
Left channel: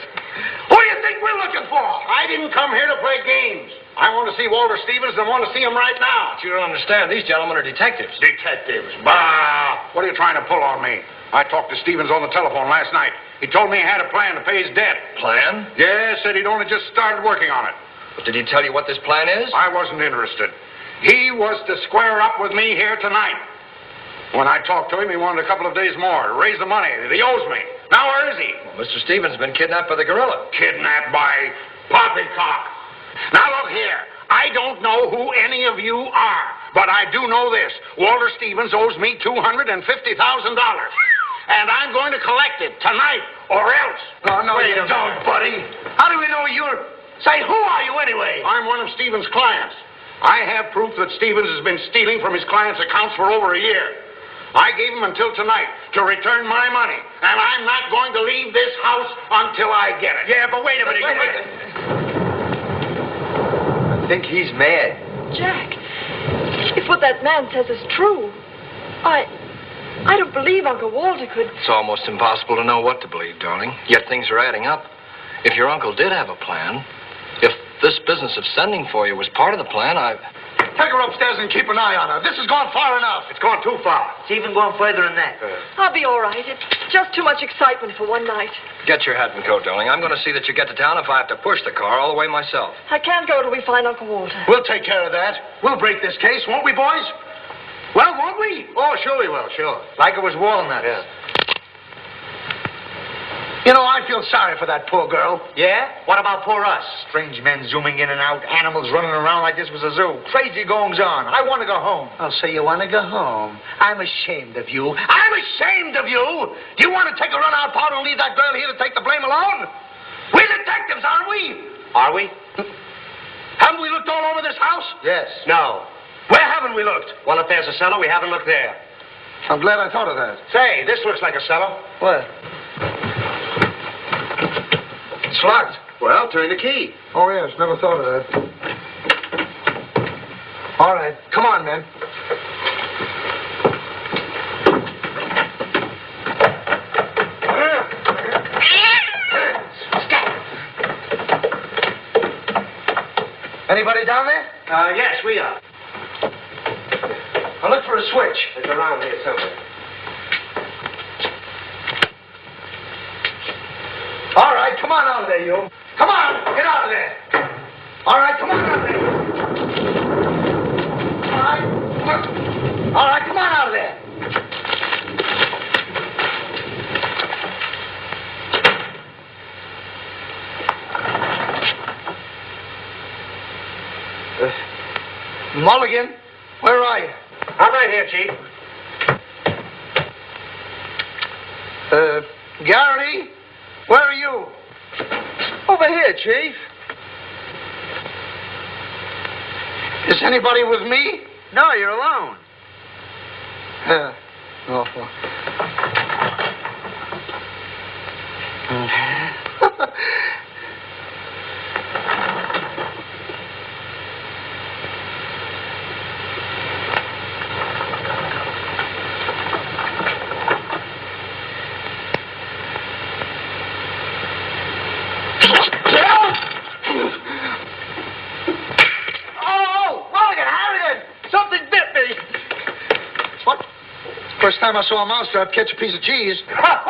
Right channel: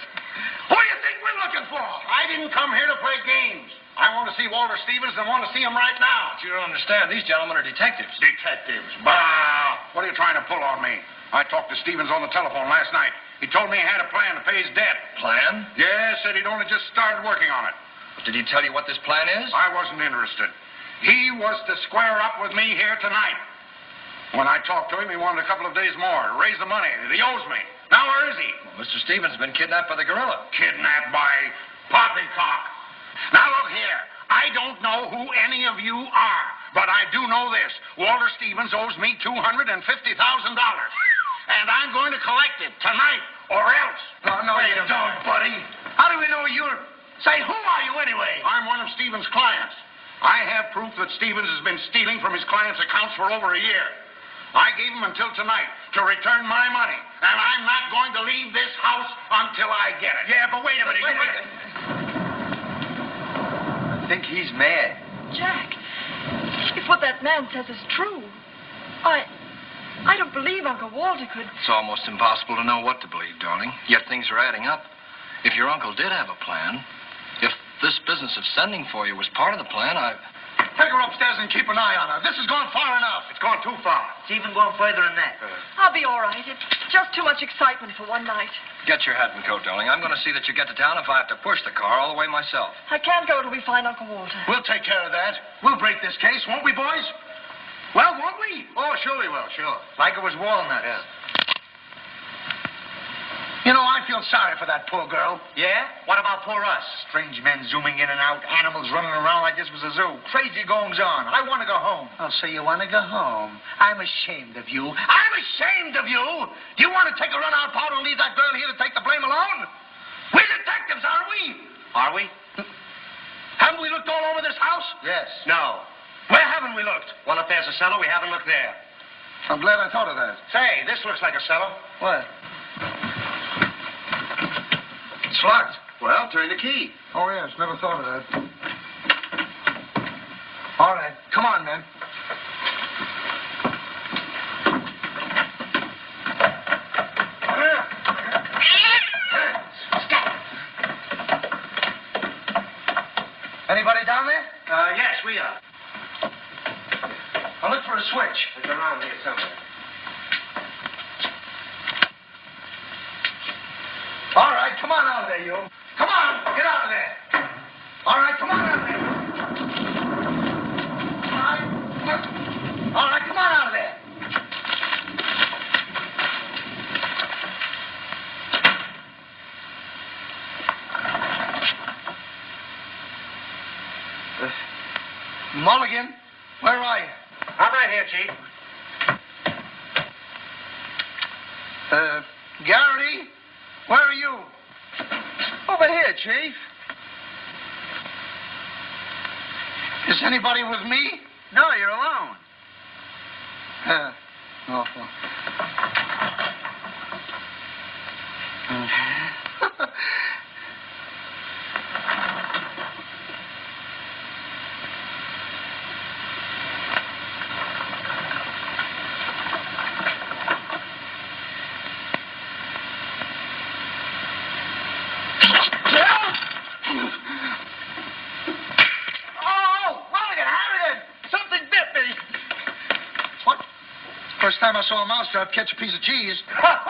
Who do you think we're looking for? I didn't come here to play games. I want to see Walter Stevens and want to see him right now. But you don't understand. These gentlemen are detectives. Detectives? Bah! What are you trying to pull on me? I talked to Stevens on the telephone last night. He told me he had a plan to pay his debt. Plan? Yes, said he'd only just started working on it. But did he tell you what this plan is? I wasn't interested. He was to square up with me here tonight. When I talked to him, he wanted a couple of days more to raise the money that he owes me. Now, where is he? Well, Mr. Stevens has been kidnapped by the gorilla. Kidnapped by Poppycock. Now, look here. I don't know who any of you are, but I do know this. Walter Stevens owes me $250,000. And I'm going to collect it tonight, or else. No, Wait you a don't, minute. buddy. How do we know you're... Say, who are you anyway? I'm one of Stevens' clients. I have proof that Stevens has been stealing from his clients' accounts for over a year. I gave him until tonight to return my money, and I'm not going to leave this house until I get it. Yeah, but wait a minute. I think he's mad. Jack, if what that man says is true, I don't believe Uncle Walter could... It's almost impossible to know what to believe, darling. Yet things are adding up. If your uncle did have a plan, if this business of sending for you was part of the plan, Take her upstairs and keep an eye on her. This has gone far enough. It's gone too far. It's even going further than that. I'll be all right. It's just too much excitement for one night. Get your hat and coat, darling. I'm going to see that you get to town if I have to push the car all the way myself. I can't go till we find Uncle Walter. We'll take care of that. We'll break this case, won't we, boys? Well, won't we? Oh, sure we will, sure. Like it was walnuts. Yeah. You know, I feel sorry for that poor girl. Yeah? What about poor us? Strange men zooming in and out, animals running around like this was a zoo. Crazy goings on. I want to go home. Oh, so you want to go home? I'm ashamed of you. I'm ashamed of you! Do you want to take a run-out party and leave that girl here to take the blame alone? We're detectives, aren't we? Are we? Haven't we looked all over this house? Yes. No. Where haven't we looked? Well, if there's a cellar, we haven't looked there. I'm glad I thought of that. Say, this looks like a cellar. What? It's locked. Well, turn the key. Oh, yes, never thought of that. All right, come on, men. Anybody down there? Yes, we are. I'll look for a switch. It's around here somewhere. All right, come on out of there, you. Come on, get out of there. All right, come on out of there. All right, come on out of there. Garrity, where are you? Over here, Chief. Is anybody with me? No, you're alone. Awful. First time I saw a mousetrap catch a piece of cheese. Harrigan!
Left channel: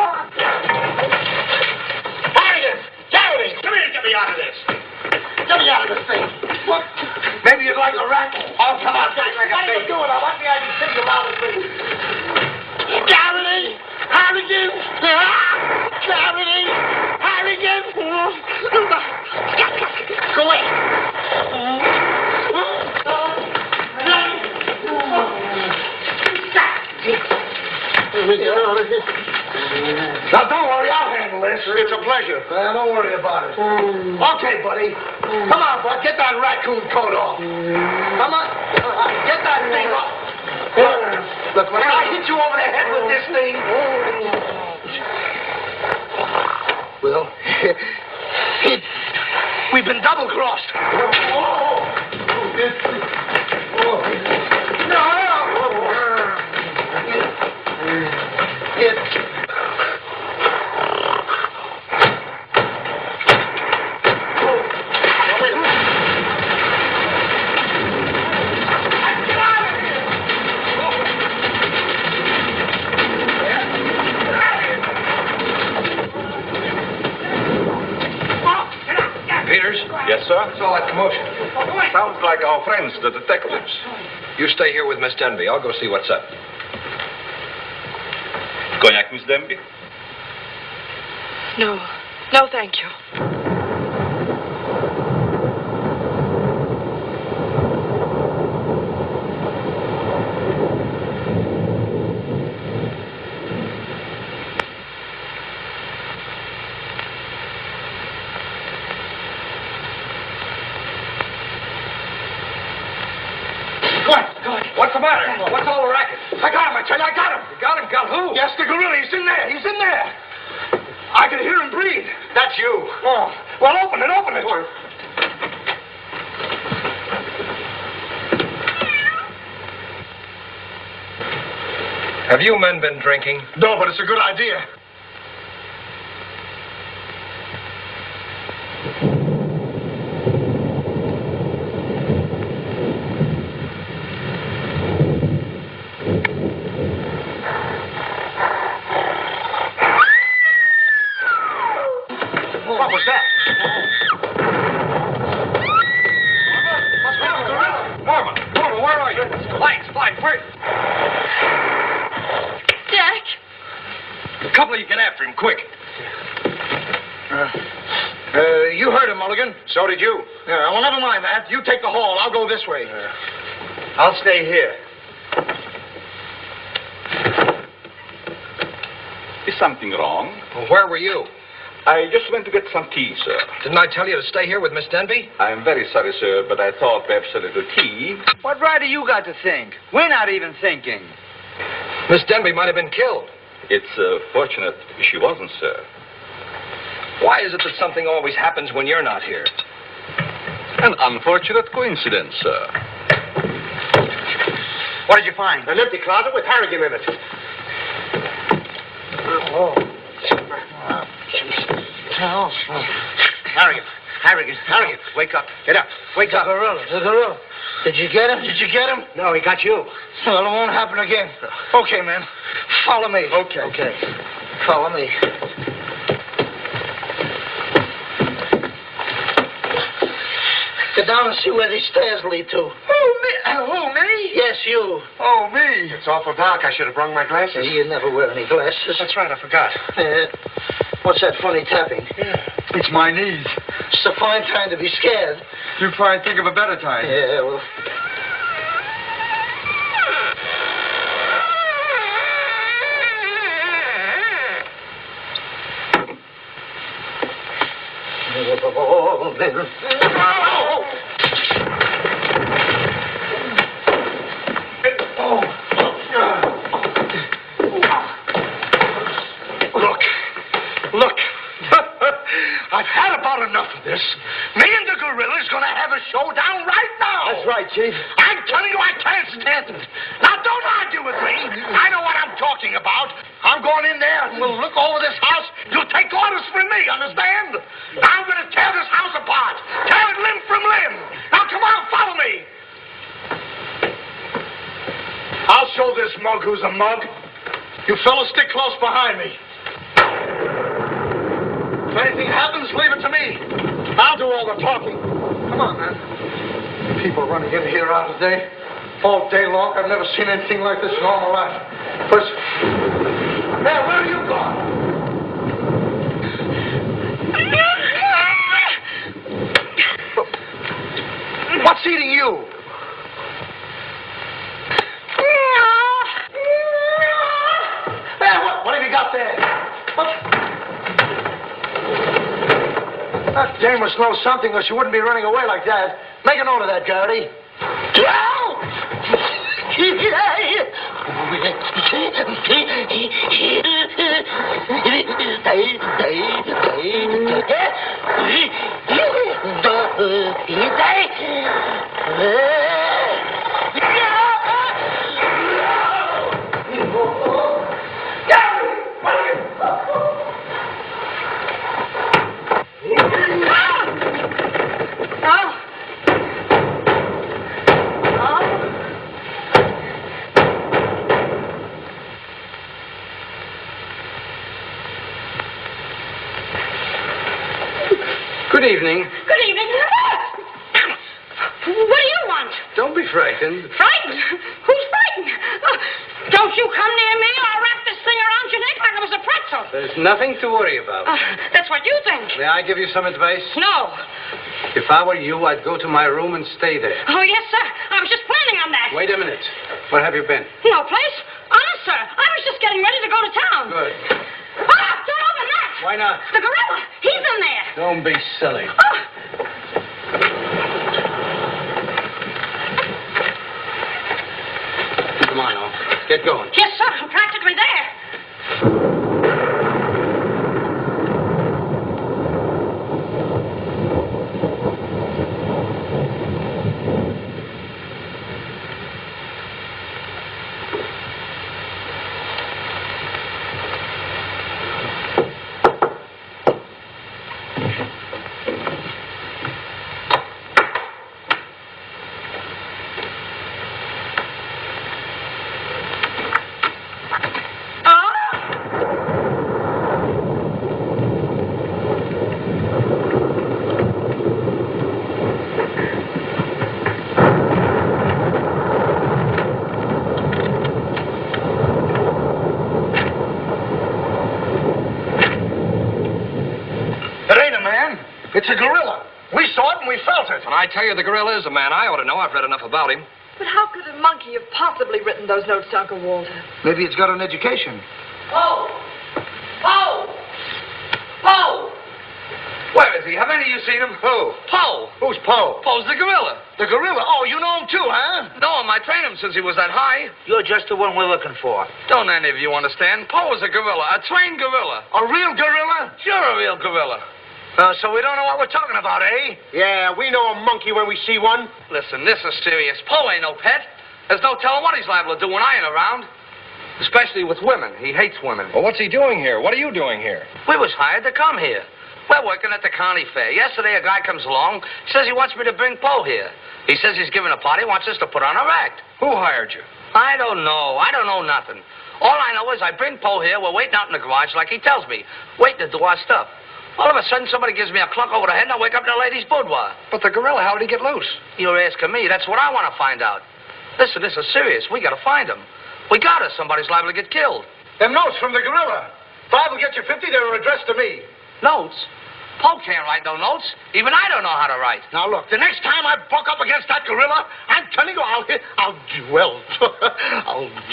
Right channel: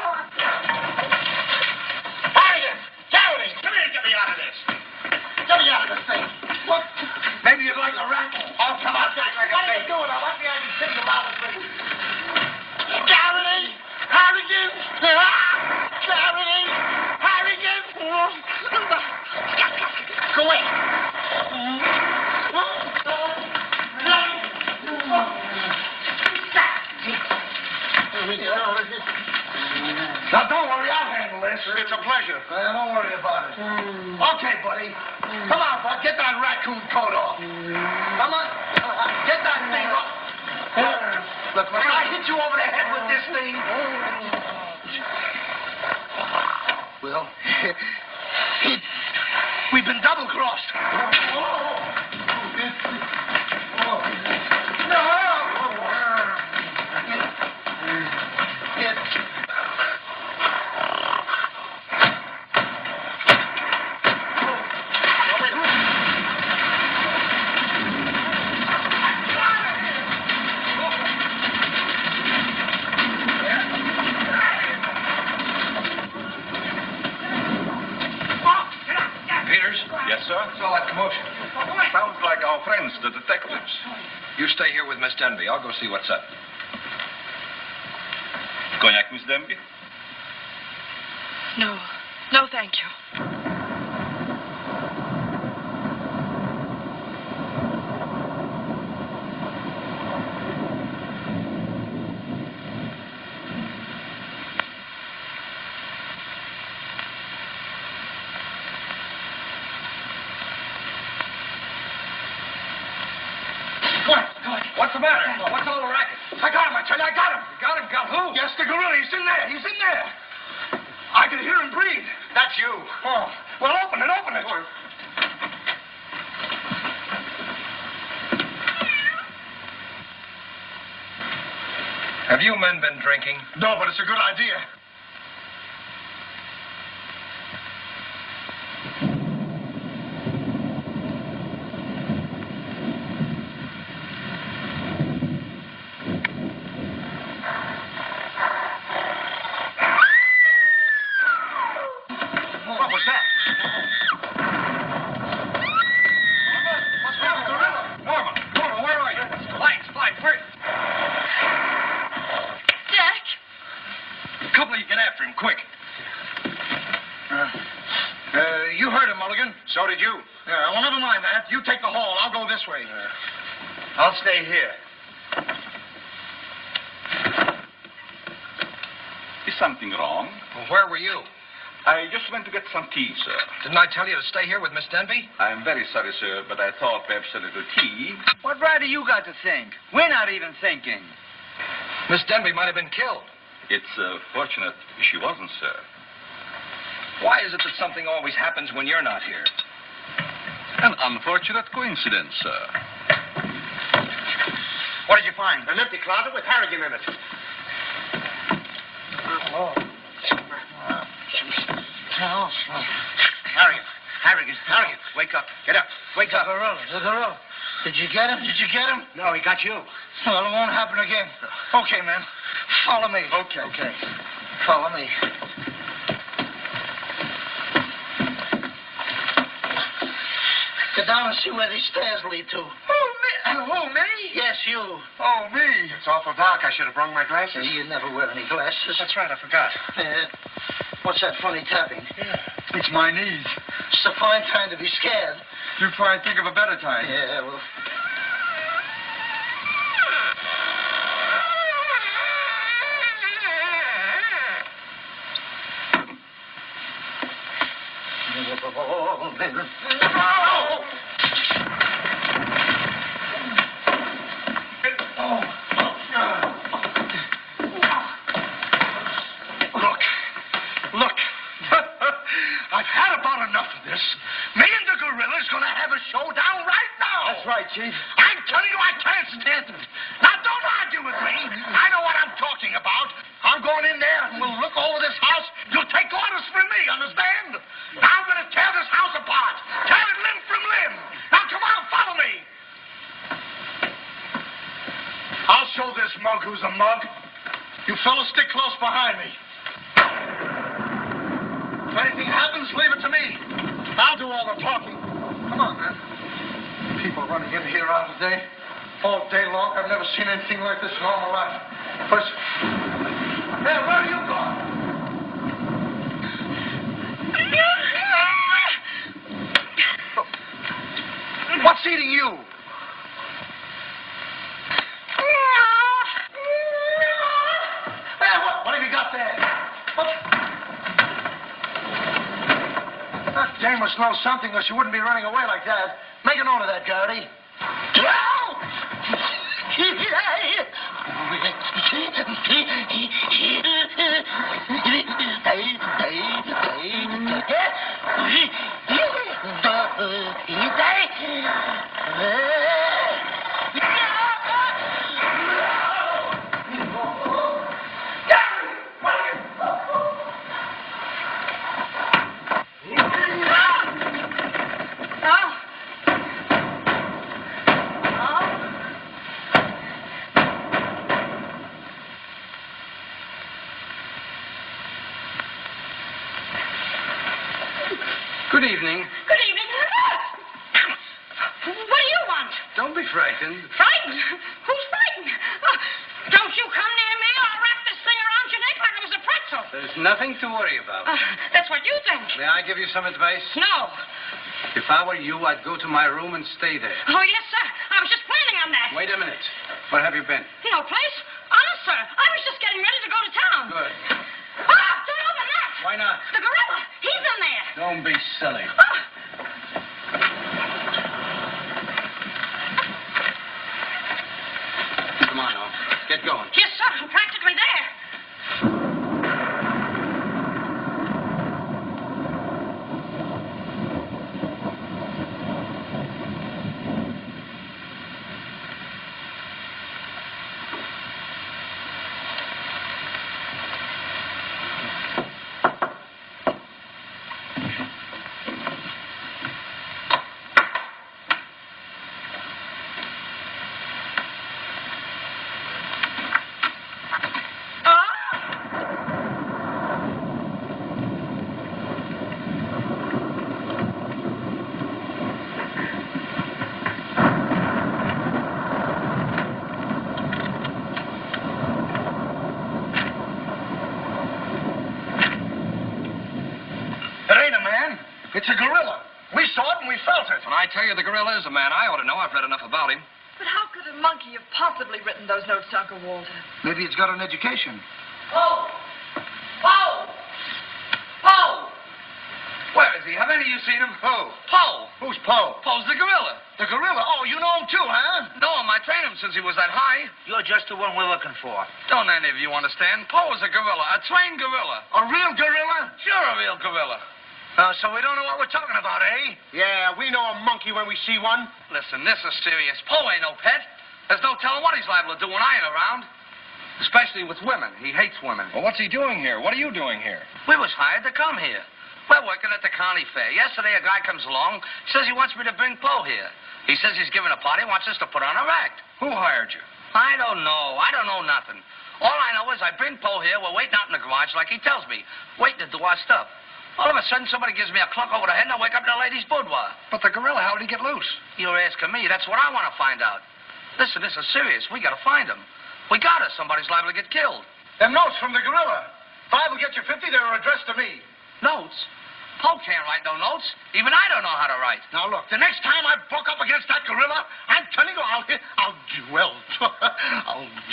Garrity! Come here, get me out of this. Get me out of this thing. What? Maybe you'd like a rat? Oh, come on, guys. What are you doing? I want me to think about this thing. Garrity! Harrigan! Garrity! Harrigan! Go away. Now, don't worry, I'll handle this. It's a pleasure. Don't worry about it. Okay, buddy. Come on, bud. Get that raccoon coat off. Come on. Get that thing off. Look, when I hit you over the head with this thing... Well, we've been double-crossed. What's all that commotion? Sounds like our friends, the detectives. You stay here with Miss Denby. I'll go see what's up. Cognac, Miss Denby? No. No, thank you. What's the matter? What's all the racket? I got him, I tell you, I got him. You got him? Got who? Yes, the gorilla. He's in there. He's in there. I can hear him breathe. That's you. Oh. Well, open it, open it. Have you men been drinking? No, but it's a good idea. What was that? Norma, where are you? Lights, quick. Jack! A couple of you get after him, quick. You heard him, Mulligan. So did you. Yeah, well, never mind that. You take the hall. I'll go this way. I'll stay here. Is something wrong? Well, where were you? I just went to get some tea, sir. Didn't I tell you to stay here with Miss Denby? I'm very sorry, sir, but I thought perhaps a little tea. What right do you got to think? We're not even thinking. Miss Denby might have been killed. It's fortunate she wasn't, sir. Why is it that something always happens when you're not here? An unfortunate coincidence, sir. What did you find? An empty closet with Harrigan in it. Harrigan, wake up. Get up. Wake up. The gorilla. Did you get him? No, he got you. Well, it won't happen again. Okay, man. Follow me. Okay. Follow me. Get down and see where these stairs lead to. Who, me? Yes, you. Oh, me. It's awful dark. I should have brought my glasses. You never wear any glasses. That's right, I forgot. What's that funny tapping? It's my knees. It's a fine time to be scared. You probably think of a better time. Yeah, well... Look. I've had about enough of this. Me and the Gorilla's gonna have a showdown right now. That's right, Chief. I'm telling you, I can't stand it. Now, don't argue with me. I know what I'm talking about. I'm going in there and we'll look over this house. You'll take orders from me, understand? I'm gonna tear this house apart. Tear it limb from limb. Now, come on, follow me. I'll show this mug who's a mug. You fellas stick close behind me. If anything happens, leave it to me. I'll do all the talking. Come on, man. People running in here out of day. All day long. I've never seen anything like this in all my life. First... Hey, where are you going? What's eating you? Hey, what have you got there? That dame must know something or she wouldn't be running away like that. Make a note of that, Garrity. Good evening. Good evening. What do you want? Don't be frightened. Frightened? Who's frightened? Don't you come near me or I'll wrap this thing around your neck like it was a pretzel. There's nothing to worry about. That's what you think. May I give you some advice? No. If I were you, I'd go to my room and stay there. Oh, yes, sir. I was just planning on that. Wait a minute. Where have you been? No place. Honest, sir. I was just getting ready to go to town. Good. Don't open that. Why not? The gorilla. He's in there. Don't be silly. Come on, now. Get going. Yes, sir. I'm practically there. It's a gorilla. We saw it and we felt it. When I tell you the gorilla is a man, I ought to know. I've read enough about him. But how could a monkey have possibly written those notes to Uncle Walter? Maybe it's got an education. Poe! Poe! Poe! Where is he? Have any of you seen him? Who? Poe. Who's Poe? Poe's the gorilla. The gorilla? Oh, you know him too, huh? No, I trained him since he was that high. You're just the one we're looking for. Don't any of you understand? Poe is a gorilla, a trained gorilla. A real gorilla? Sure, a real gorilla. So we don't know what we're talking about, eh? Yeah, we know a monkey when we see one. Listen, this is serious. Poe ain't no pet. There's no telling what he's liable to do when I ain't around. Especially with women. He hates women. Well, what's he doing here? What are you doing here? We was hired to come here. We're working at the county fair. Yesterday, a guy comes along, says he wants me to bring Poe here. He says he's giving a party, wants us to put on our act. Who hired you? I don't know. I don't know nothing. All I know is I bring Poe here. We're waiting out in the garage like he tells me. Waiting to do our stuff. All of a sudden, somebody gives me a clunk over the head, and I wake up in a lady's boudoir. But the gorilla, how did he get loose? You're asking me. That's what I want to find out. Listen, this is serious. We got to find him. We got us. Somebody's liable to get killed. Them notes from the gorilla. If I will get you 50, they were addressed to me. Notes? Poe can't write no notes. Even I don't know how to write. Now, look, the next time I buck up against that gorilla, I'm telling you,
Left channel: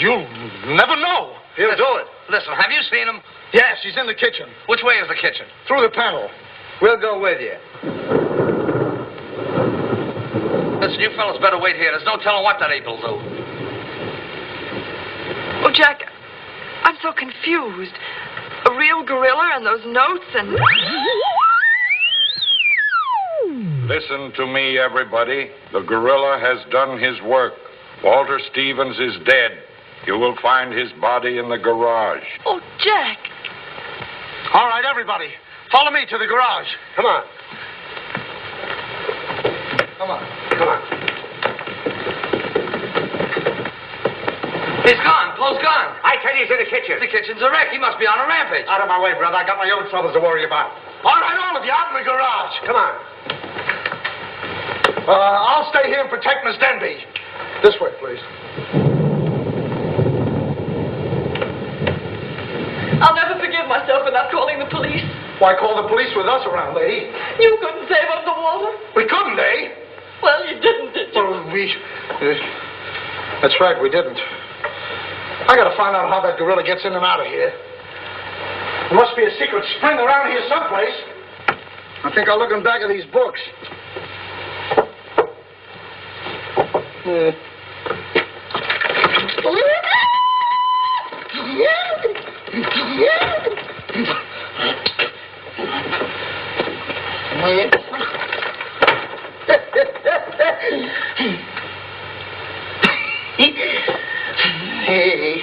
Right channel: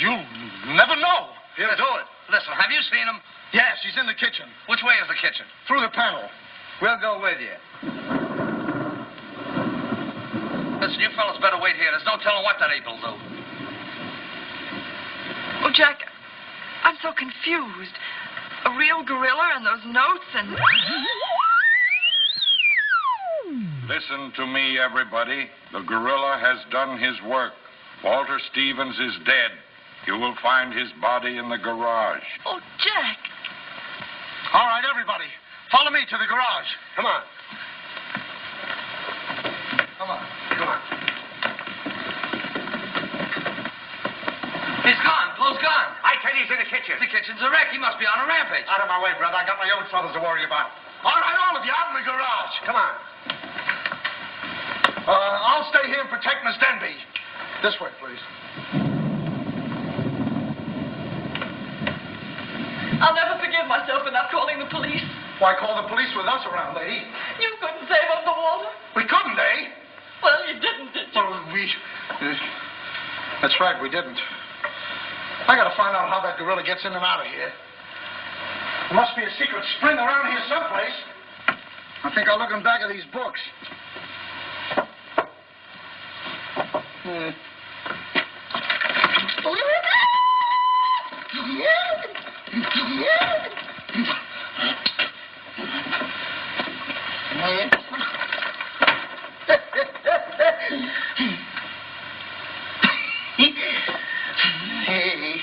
you'll never know. He'll do it. Listen, have you seen him? Yes, he's in the kitchen. Which way is the kitchen? Through the panel. We'll go with you. Listen, you fellas better wait here. There's no telling what that ape will do. Oh, Jack, I'm so confused. A real gorilla and those notes and... Listen to me, everybody. The gorilla has done his work. Walter Stevens is dead. You will find his body in the garage. Oh, Jack. All right, everybody. Follow me to the garage. Come on. Come on. Come on. He's gone. Poe's gone. I tell you, he's in the kitchen. The kitchen's a wreck. He must be on a rampage. Out of my way, brother. I got my own troubles to worry about. All right, all of you, out in the garage. Come on. I'll stay here and protect Miss Denby. This way, please. I'll never forgive myself for not calling the police. Why call the police with us around, lady? You couldn't save up the water. We couldn't, eh? Well, you didn't, did you? Well, that's right, we didn't. I gotta find out how that gorilla gets in and out of here. There must be a secret spring around here someplace. I think I'll look in back of these books. Hey.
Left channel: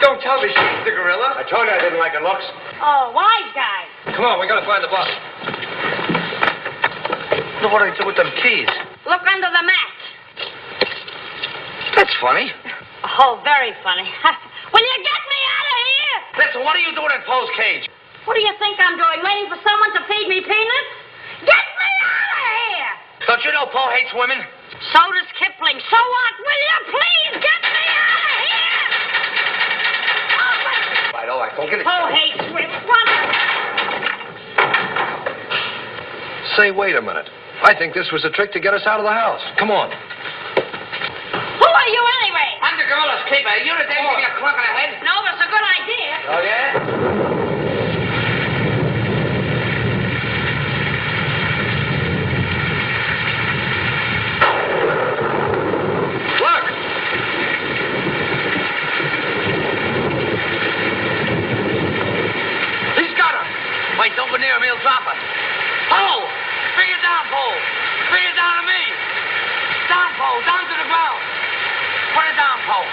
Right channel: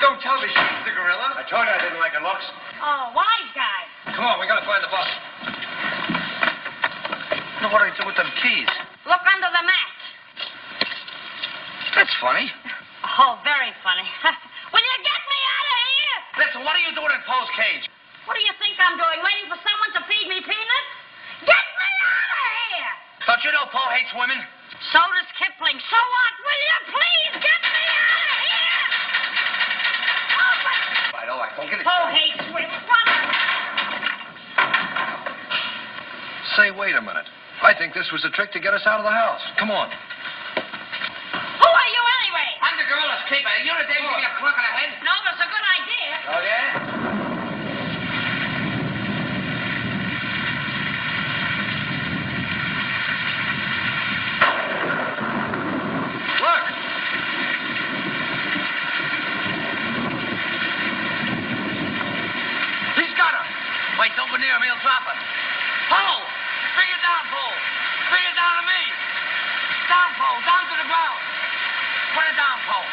Don't tell me she's the gorilla. I told you I didn't like her looks. Oh, wise guy. Come on, we gotta find the bus. Look what I do with them keys. Look under the mat. That's funny. Oh, very funny. Will you get me out of here? Listen, what are you doing in Poe's cage? What do you think I'm doing? Waiting for someone to feed me peanuts? Get me out of here! Don't you know Poe hates women? So does Kipling. So what? Will you please get me out of here? All right, go get it. Poe hates women. What? Say, wait a minute. I think this was a trick to get us out of the house. Come on. Who are you anyway? I'm the gorilla's keeper. You the day give me a clock on the head? No, but it's a good idea. Oh, yeah? Look! He's got her. Wait, don't go near him. He'll drop her. Poe! Bring it down, Poe. Bring it down to me. Down, Poe. Down to the ground. Put it down, Poe.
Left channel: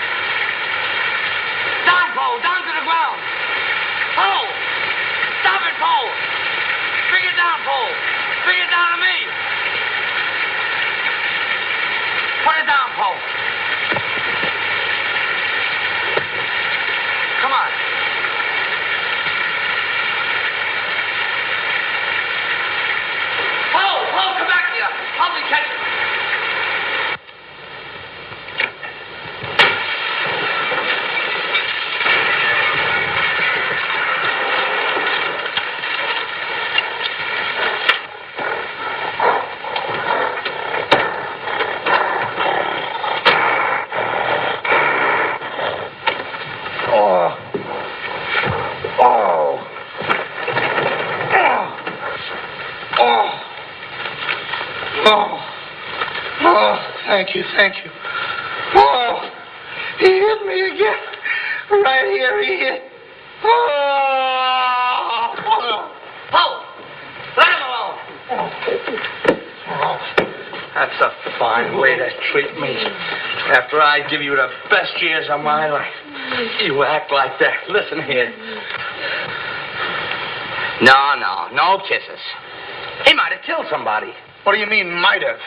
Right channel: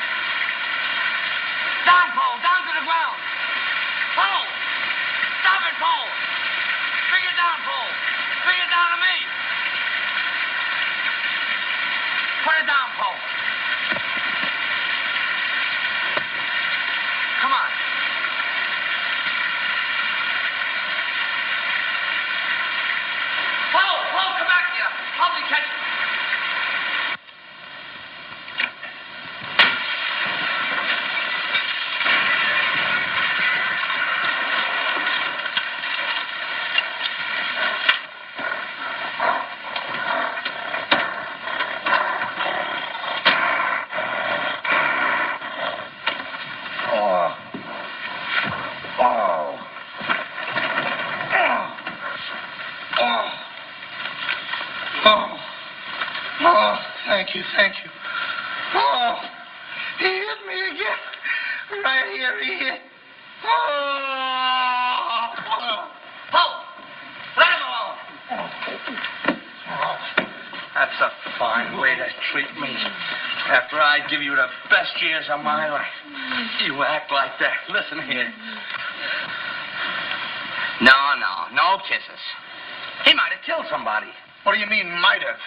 Down, Poe. Down to the ground. Poe! Stop it, Poe. Bring it down, Poe. Bring it down to me. Put it down, Poe. Come on. Poe, come back here. Help me catch him. Thank you. Oh, he hit me again. Right here, he hit. Oh. Poe, let him alone. That's a fine way to treat me. After I give you the best years of my life, you act like that. Listen here. No kisses. He might have killed somebody. What do you mean, might have?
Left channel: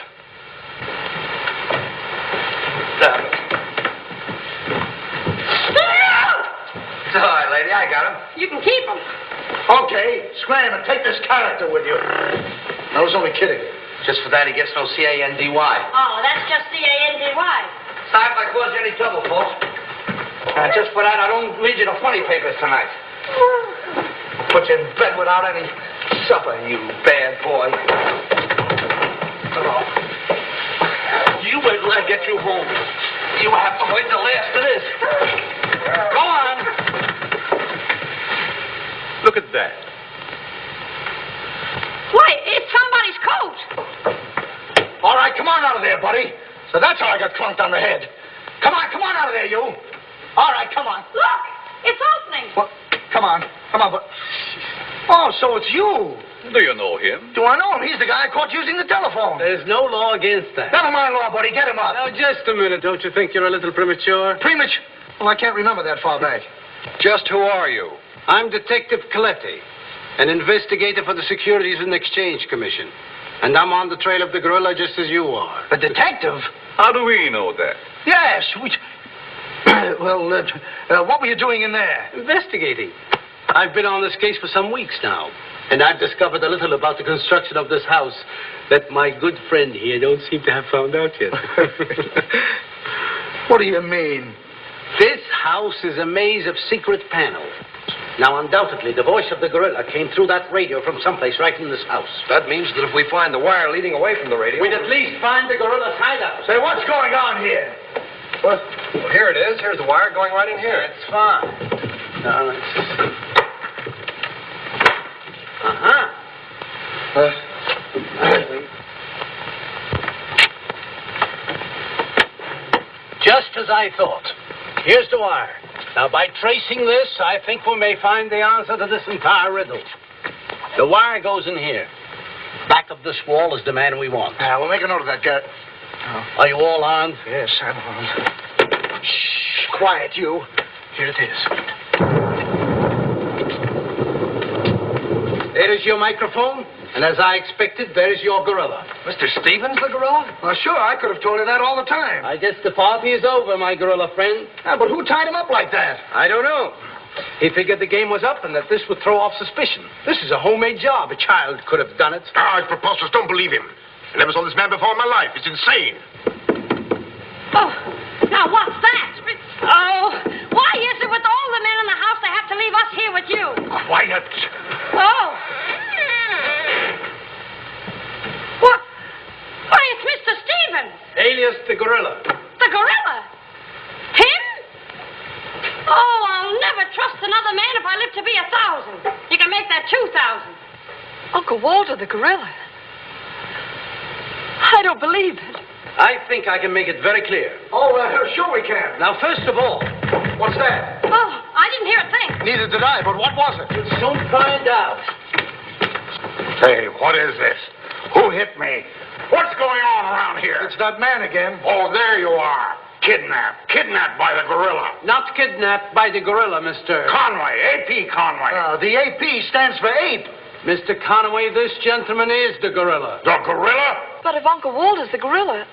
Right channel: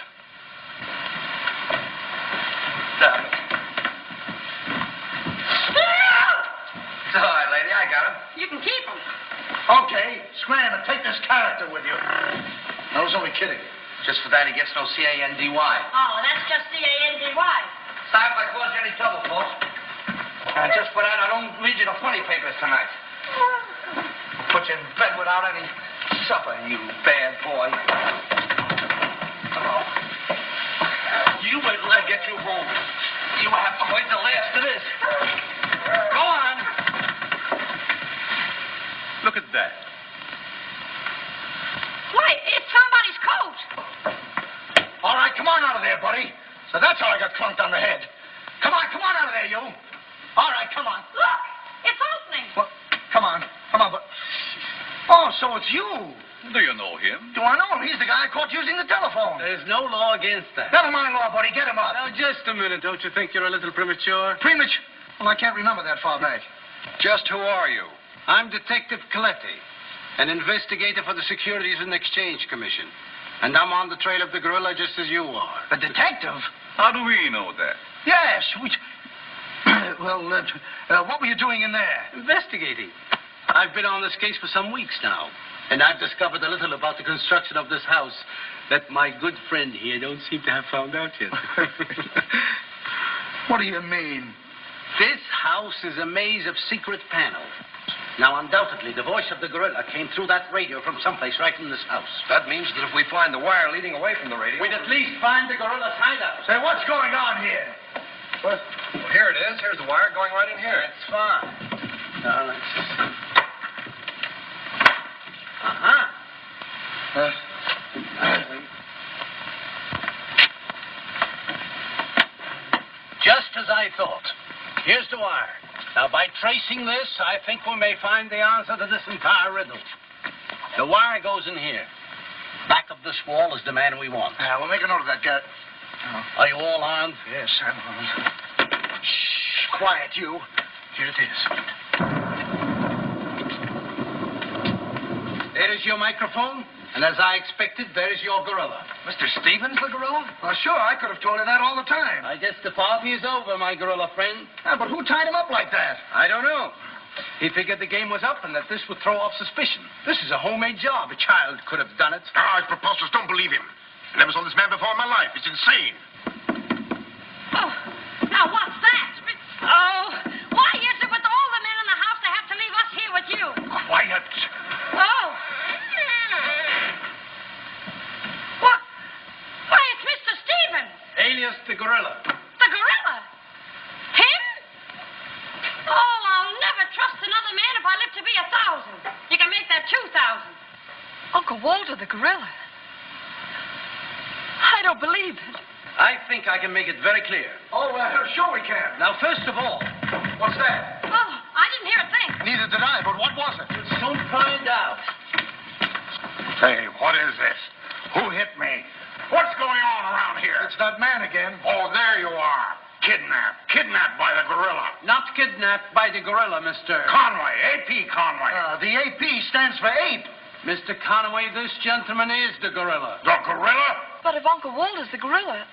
It's all right, lady. I got him. You can keep him. Okay, scram and take this character with you. I was only kidding. Just for that, he gets no C-A-N-D-Y. Oh, that's just C-A-N-D-Y. Sorry if I caused you any trouble, folks. Just for that, I don't read you the funny papers tonight. Put you in bed without any supper, you bad boy. Oh. You wait till I get you home. You have to wait till after this. Go on. Look at that. Why, it's somebody's coat. All right, come on out of there, buddy. So that's how I got clunked on the head. Come on out of there, you. All right, come on. Look, it's opening. What? Come on, but... Oh, so it's you. Do you know him? Do I know him? He's the guy I caught using the telephone. There's no law against that. Never mind law, buddy. Get him up. Now, just a minute. Don't you think you're a little premature? Premature? Well, I can't remember that far back. Just who are you? I'm Detective Coletti, an investigator for the Securities and Exchange Commission. And I'm on the trail of the gorilla just as you are. A detective? How do we know that? Yes. Well, what were you doing in there? Investigating. I've been on this case for some weeks now. And I've discovered a little about the construction of this house that my good friend here don't seem to have found out yet. What do you mean? This house is a maze of secret panels. Now, undoubtedly, the voice of the gorilla came through that radio from someplace right in this house. That means that if we find the wire leading away from the radio... We'd at least find the gorilla's hideout. Say, what's going on here? What? Well, here it is. Here's the wire going right in here. That's fine. Just as I thought. Here's the wire. Now, by tracing this, I think we may find the answer to this entire riddle. The wire goes in here. Back of this wall is the man we want. We'll make a note of that, Garrett. Are you all armed? Yes, I'm armed. Shh, quiet, you. Here it is. There is your microphone, and as I expected, there is your gorilla. Mr. Stevens, the gorilla? Well, sure, I could have told you that all the time. I guess the party is over, my gorilla friend. But who tied him up like that? I don't know. He figured the game was up and that this would throw off suspicion. This is a homemade job. A child could have done it. It's preposterous. Don't believe him. I never saw this man before in my life. He's insane. Oh, now what's that? Oh, why is it with all the men in the house they have to leave us here with you? Quiet. Oh. What? Why, it's Mr. Stevens. Alias the gorilla. The gorilla? Him? Oh, I'll never trust another man if I live to be 1,000. You can make that 2,000. Uncle Walter, the gorilla. I don't believe it. I think I can make it very clear. Oh, sure we can. Now, first of all, What's that? Oh, I didn't hear a thing. Neither did I, but what was it? you'll soon find out. Hey, what is this? Who hit me? What's going on around here? It's that man again. Oh, there you are. Kidnapped. Kidnapped by the gorilla. Not kidnapped by the gorilla, Mr. Conway. A.P. Conway. The A.P. stands for ape. Mr. Conway, this gentleman is the gorilla. The gorilla? But if Uncle Walter's the gorilla,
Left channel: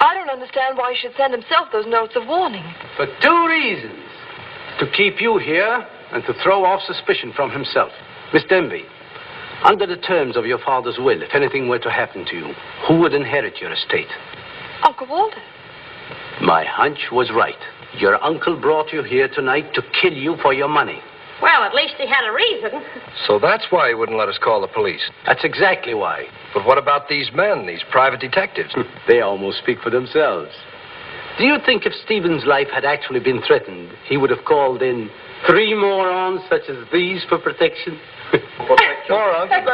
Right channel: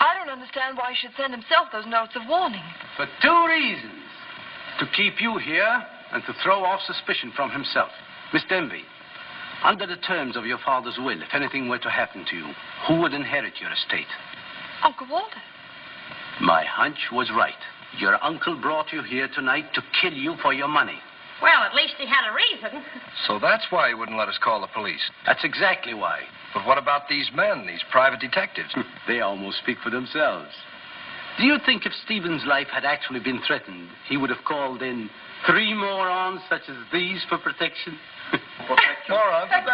I don't understand why he should send himself those notes of warning. For two reasons. To keep you here and to throw off suspicion from himself. Miss Denby, under the terms of your father's will, if anything were to happen to you, who would inherit your estate? Uncle Walter. My hunch was right. Your uncle brought you here tonight to kill you for your money. Well, at least he had a reason. So that's why he wouldn't let us call the police. That's exactly why. But what about these men, these private detectives? They almost speak for themselves. Do you think if Stephen's life had actually been threatened, he would have called in 3 morons such as these for protection? Morons? Hey,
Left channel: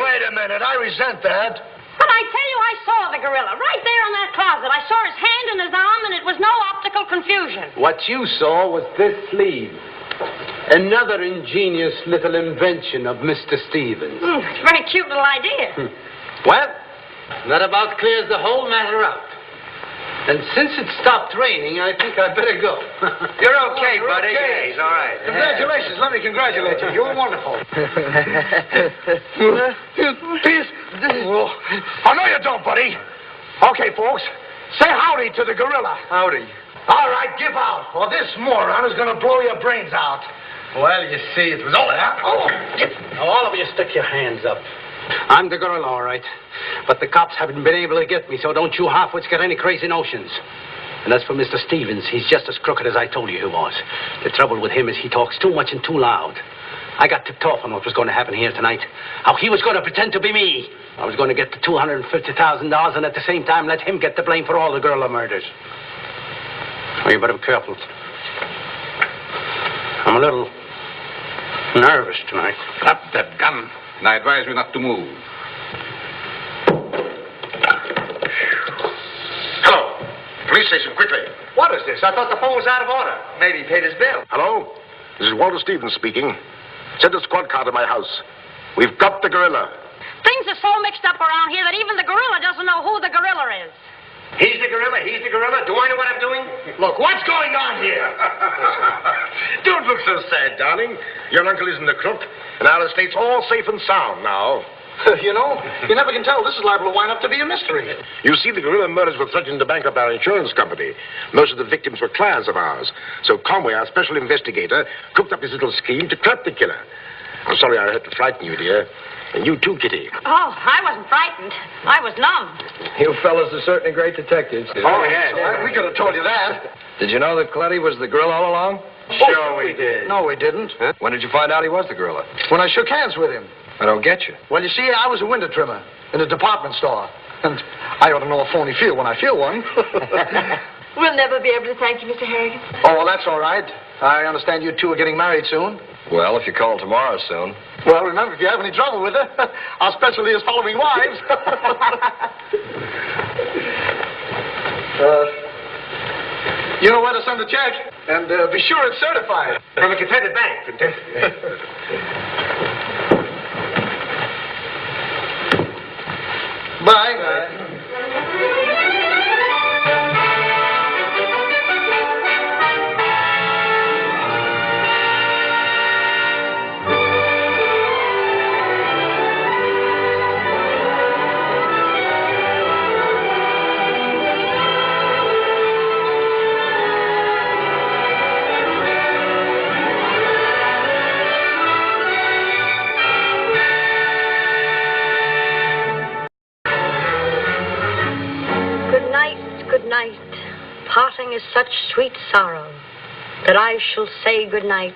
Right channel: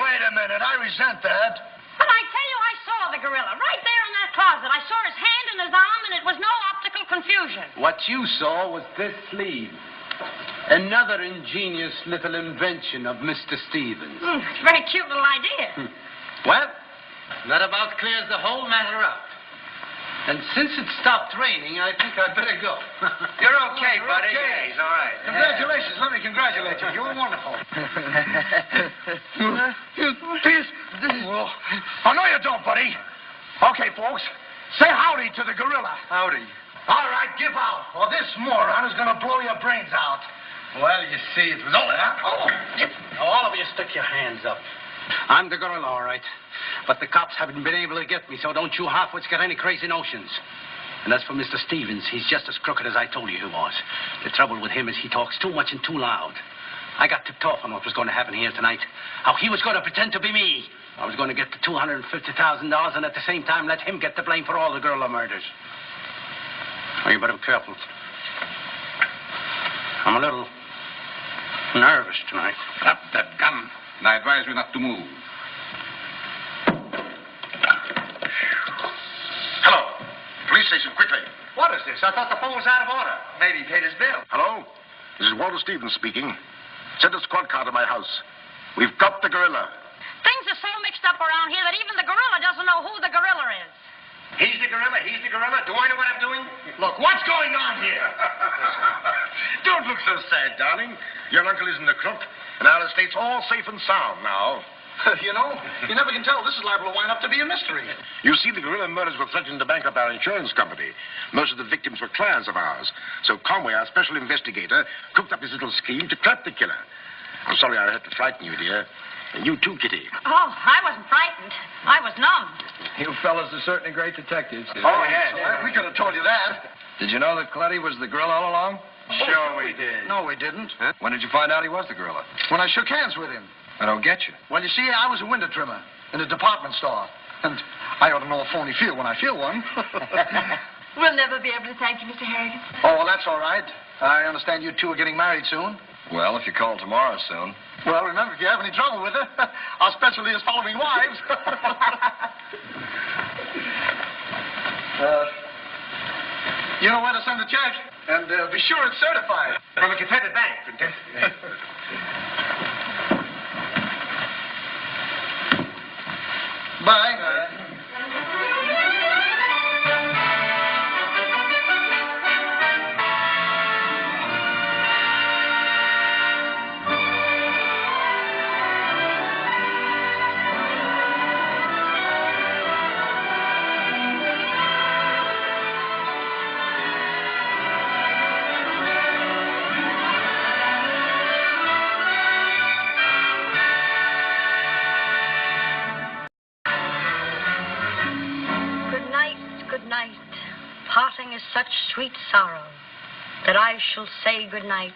wait a minute. I resent that. But I tell you, I saw the gorilla right there in that closet. I saw his hand and his arm, and it was no optical confusion. What you saw was this sleeve. Another ingenious little invention of Mr. Stevens. It's a very cute little idea. Well, that about clears the whole matter out. And since it stopped raining, I think I'd better go. You're okay, buddy. Okay. He's all right. Congratulations. Let me congratulate you. You were wonderful. Please. Oh, no, you don't, buddy. Okay, folks. Say howdy to the gorilla. Howdy. All right, give out, or this moron is going to blow your brains out. Well, you see, it was all that. Now, all of you stick your hands up. I'm the gorilla, all right. But the cops haven't been able to get me, so don't you halfwits get any crazy notions. And as for Mr. Stevens, he's just as crooked as I told you he was. The trouble with him is he talks too much and too loud. I got tipped off on what was going to happen here tonight. How he was going to pretend to be me. I was going to get the $250,000 and at the same time let him get the blame for all the gorilla murders. Oh, you better be careful. I'm a little nervous tonight. Drop that gun, and I advise you not to move. Hello. Police station, quickly. What is this? I thought the phone was out of order. Maybe he paid his bill. Hello? This is Walter Stevens speaking. Send a squad car to my house. We've got the gorilla. Things are so mixed up around here that even the gorilla doesn't know who the gorilla is. He's the gorilla. He's the gorilla. Do I know what I'm doing? Look, what's going on here? Don't look so sad, darling. Your uncle isn't a crook, and our estate's all safe and sound now. You know, you never can tell. This is liable to wind up to be a mystery. You see, the gorilla murders were threatening to bankrupt our insurance company. Most of the victims were clients of ours. So Conway, our special investigator, cooked up his little scheme to trap the killer. I'm sorry I had to frighten you, dear. And you too, Kitty. Oh, I wasn't frightened. I was numb. You fellas are certainly great detectives. Oh, yes. We could have told you that. Did you know that Cletty was the gorilla all along? Sure we did. No, we didn't. Huh? When did you find out he was the gorilla? When I shook hands with him. I don't get you. Well, you see, I was a window trimmer in a department store. And I ought to know a phony feel when I feel one. We'll never be able to thank you, Mr. Harrigan. Oh, well, that's all right. I understand you two are getting married soon. Well, if you call tomorrow soon. Well, remember, if you have any trouble with her, our specialty is following wives. You know where to send the check, and be sure it's certified. From a Confederate bank. Bye. Parting is such sweet sorrow that I shall say good night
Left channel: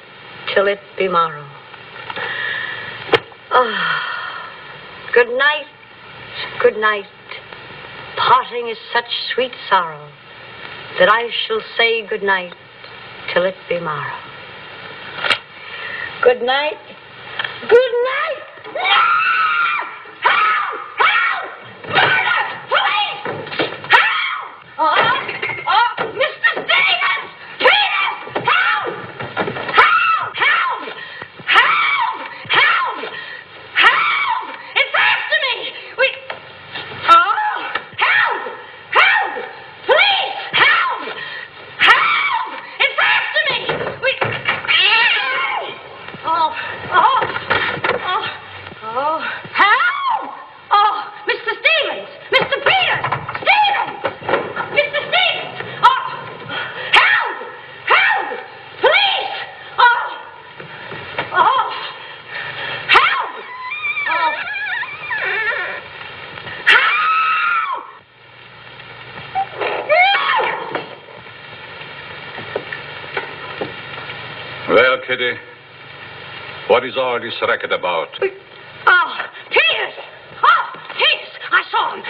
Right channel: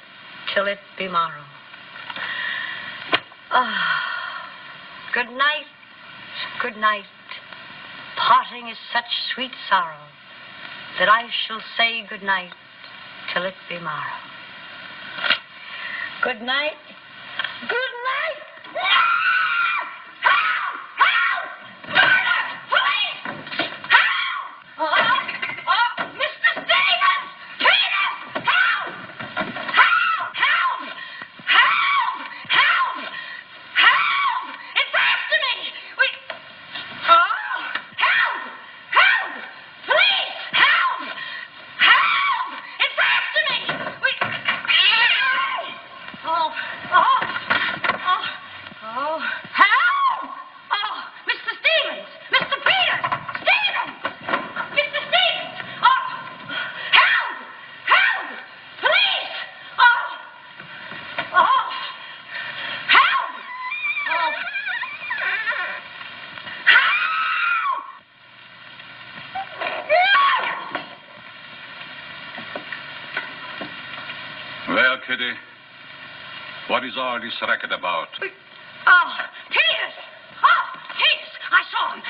till it be morrow. Good night, good night. Parting is such sweet sorrow that I shall say good night till it be morrow. Good night. Good night. Well, Kitty, what is all this racket about? Oh, Peters! Oh, Peters! I saw him!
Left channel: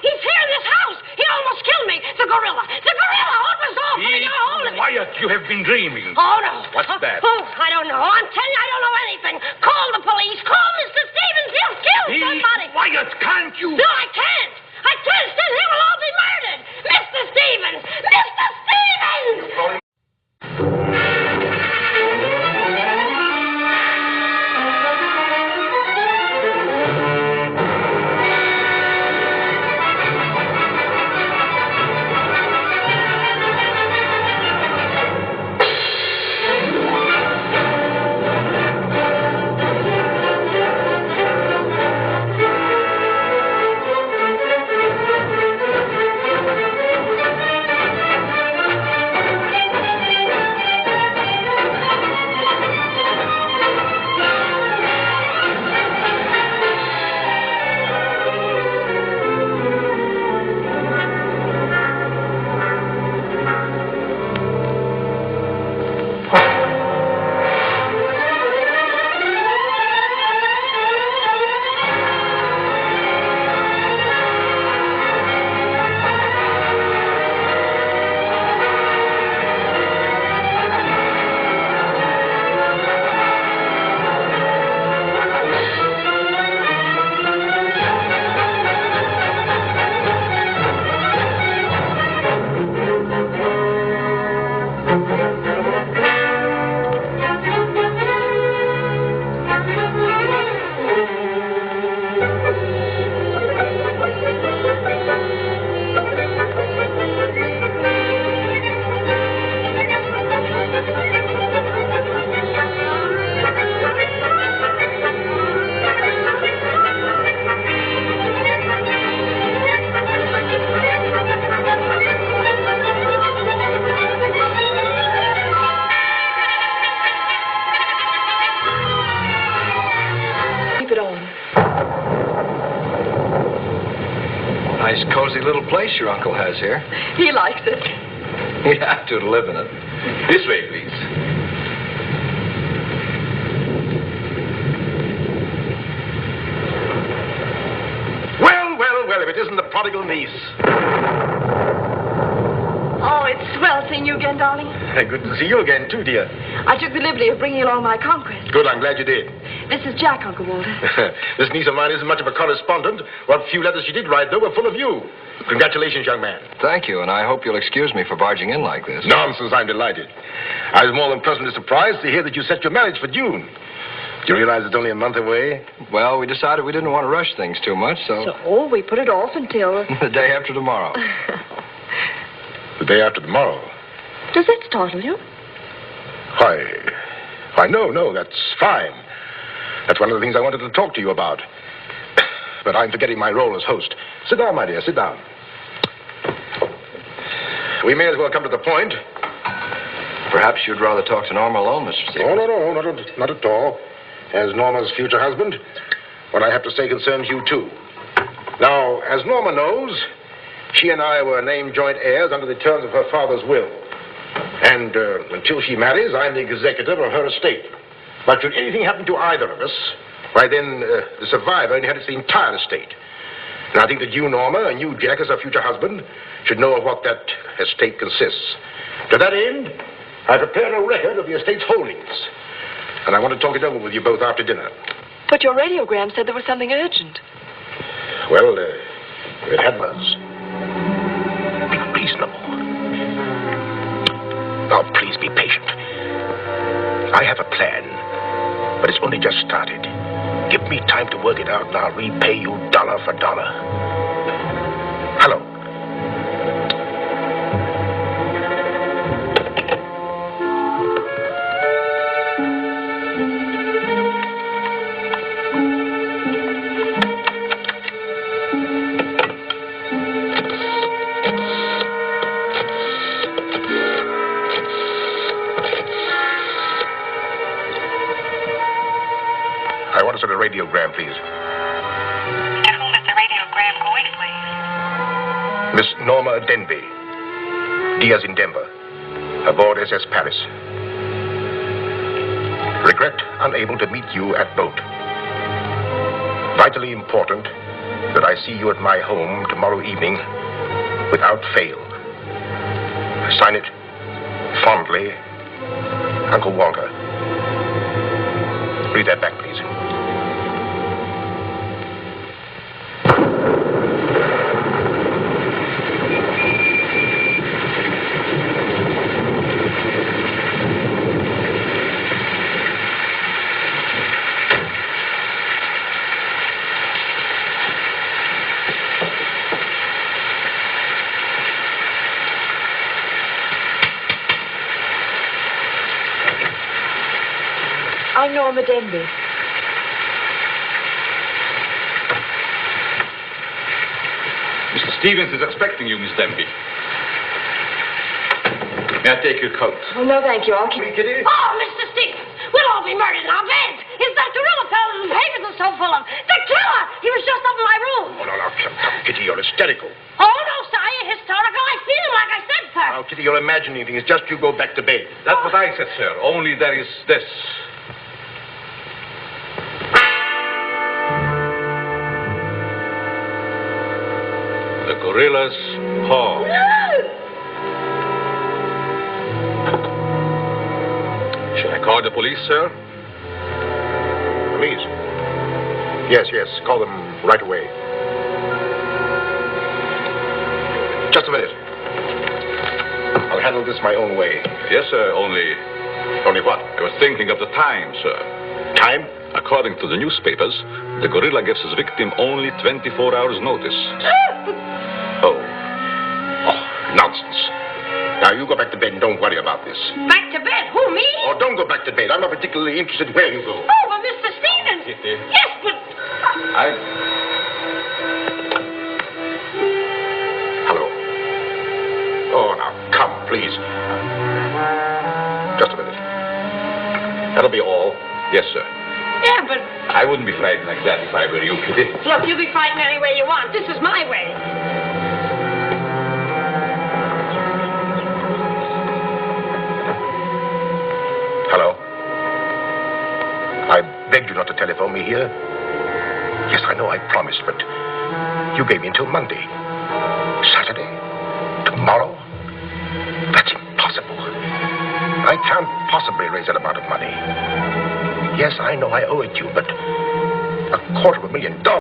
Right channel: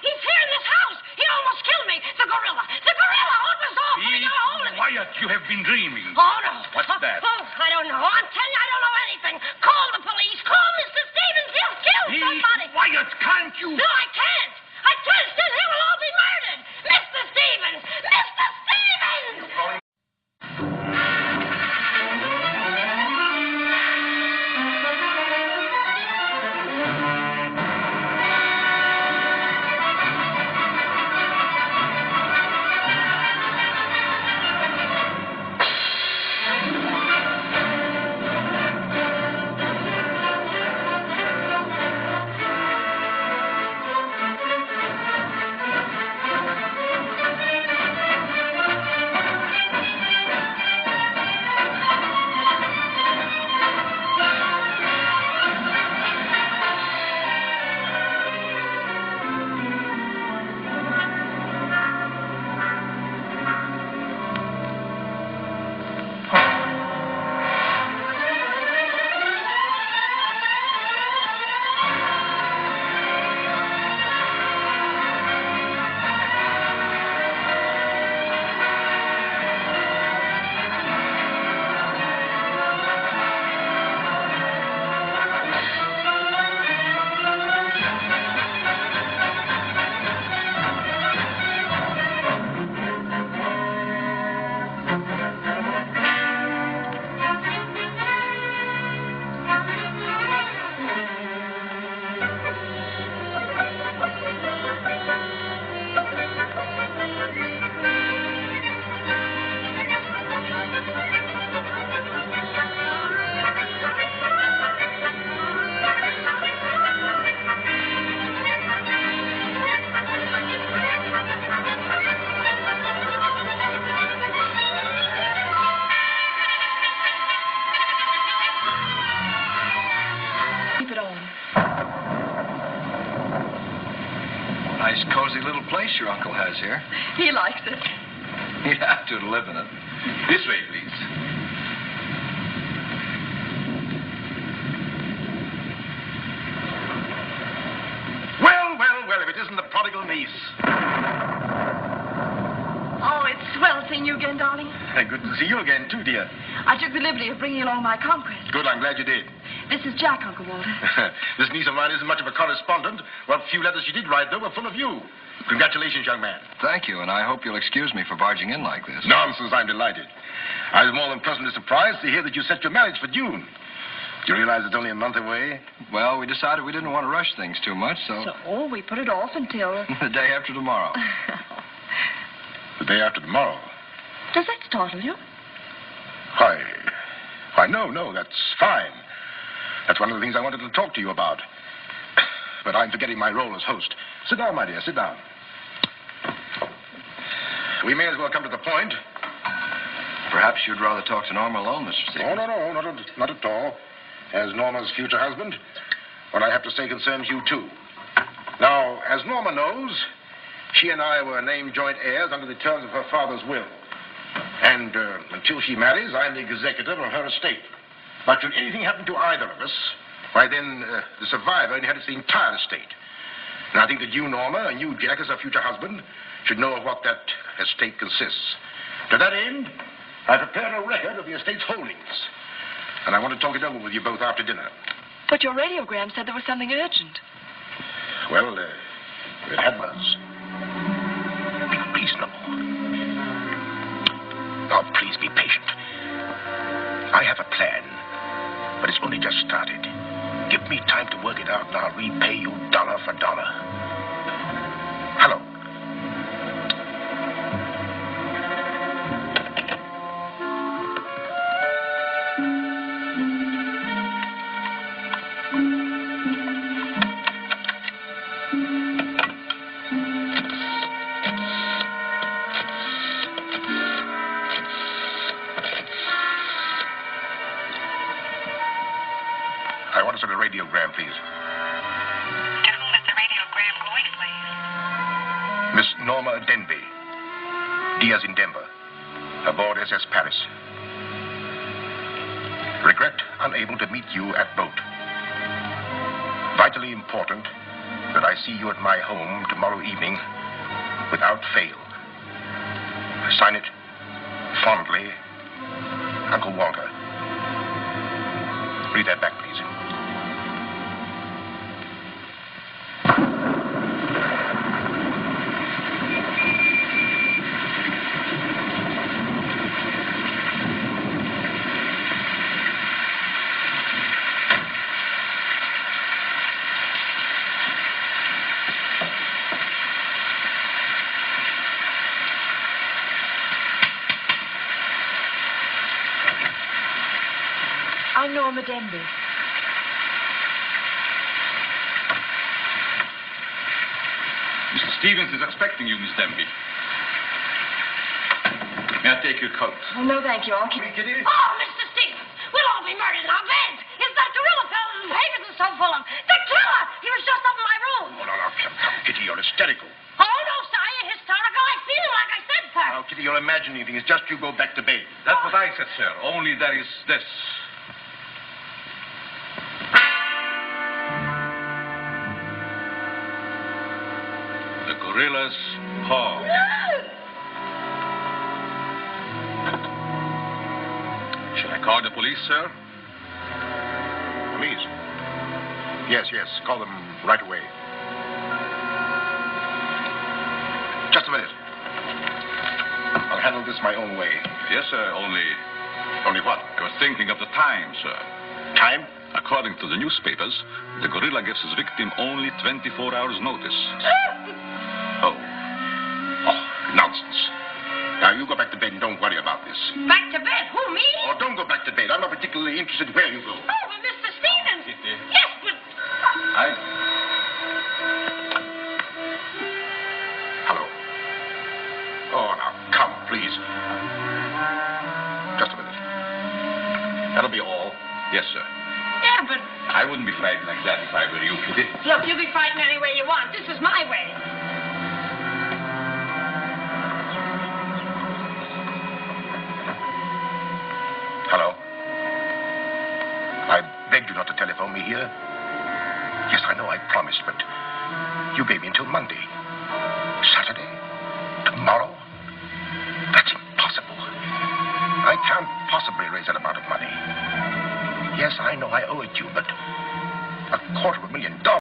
He's here in this house! He almost killed me! The gorilla! What was all putting a hold of me? Quiet, you have been dreaming. Oh, no. What's that? Oh, I don't know. I'm telling you, I don't know anything. Call the police. Call Mr. Stevens. He'll kill somebody. Quiet, can't you? No, I can't. Then he will all be murdered. Mr. Stevens! Mr. Stevens! place your uncle has here. He likes it. He'd have to live in it. This way, please. Well, if it isn't the prodigal niece. Oh, it's swell seeing you again, darling. Good to see you again, too, dear. I took the liberty of bringing along my conquest. Good, I'm glad you did. This is Jack, Uncle Walter. This niece of mine isn't much of a correspondent. What few letters she did write, though, were full of you. Congratulations, young man. Thank you, and I hope you'll excuse me for barging in like this. Nonsense, I'm delighted. I was more than pleasantly surprised to hear that you set your marriage for June. Do you realize it's only a month away? Well, we decided we didn't want to rush things too much, so... So, we put it off until... the day after tomorrow. The day after tomorrow? Does that startle you? Why, no, that's fine. That's one of the things I wanted to talk to you about. But I'm forgetting my role as host. Sit down, my dear, sit down. We may as well come to the point. Perhaps you'd rather talk to Norma alone, Mr. Stevens. Oh, no, not at all. As Norma's future husband, what I have to say concerns you, too. Now, as Norma knows, she and I were named joint heirs under the terms of her father's will. And until she marries, I'm the executor of her estate. But should anything happen to either of us, why then the survivor inherits the entire estate. And I think that you, Norma, and you, Jack, as her future husband, should know of what that estate consists. To that end, I prepared a record of the estate's holdings. And I want to talk it over with you both after dinner. But your radiogram said there was something urgent. Well, it had was. Be reasonable. Now, please be patient. I have a plan, but it's only just started. Give me time to work it out, and I'll repay you dollar for dollar. Hello. A radiogram, please. To whom is the radiogram going, please? Miss Norma Denby. Diaz in Denver. Aboard SS Paris. Regret unable to meet you at boat. Vitally important that I see you at my home tomorrow evening without fail. Sign it fondly, Uncle Walter. Read that back, please. I'm Norma Denby. Mr. Stevens is expecting you, Miss Denby. May I take your coat? Oh, no, thank you. I'll keep it. Oh, Mr. Stevens, we'll all be murdered in our beds. It's that gorilla fellow whose papers are so full of. The killer! He was just up in my room. Oh, no, come, Kitty, you're hysterical. Oh, no, sir, I ain't hysterical. I feel him like I said, sir. Now, Kitty, you're imagining things. Just you go back to bed. That's what I said, sir. Only there is this. The Gorillaz paw. Should I call the police, sir? Police? Yes. Call them right away. Just a minute. I'll handle this my own way. Yes, sir. Only what? I was thinking of the time, sir. Time? According to the newspapers, the gorilla gives his victim only 24 hours' notice. Oh, nonsense. Now, you go back to bed and don't worry about this. Back to bed? Who, me? Oh, don't go back to bed. I'm not particularly interested where you go. Oh, but Mr. Stevens. Kitty. Yes, but... Hello. Oh, now, come, please. Just a minute. That'll be all. Yes, sir. Yeah, but... I wouldn't be frightened like that if I were you, Kitty. Look, you be frightened any way you want. This is my way. I begged you not to telephone me here. Yes, I know I promised, but you gave me until Monday. Saturday? Tomorrow? That's impossible. I can't possibly raise that amount of money. Yes, I know I owe it you, but $250,000.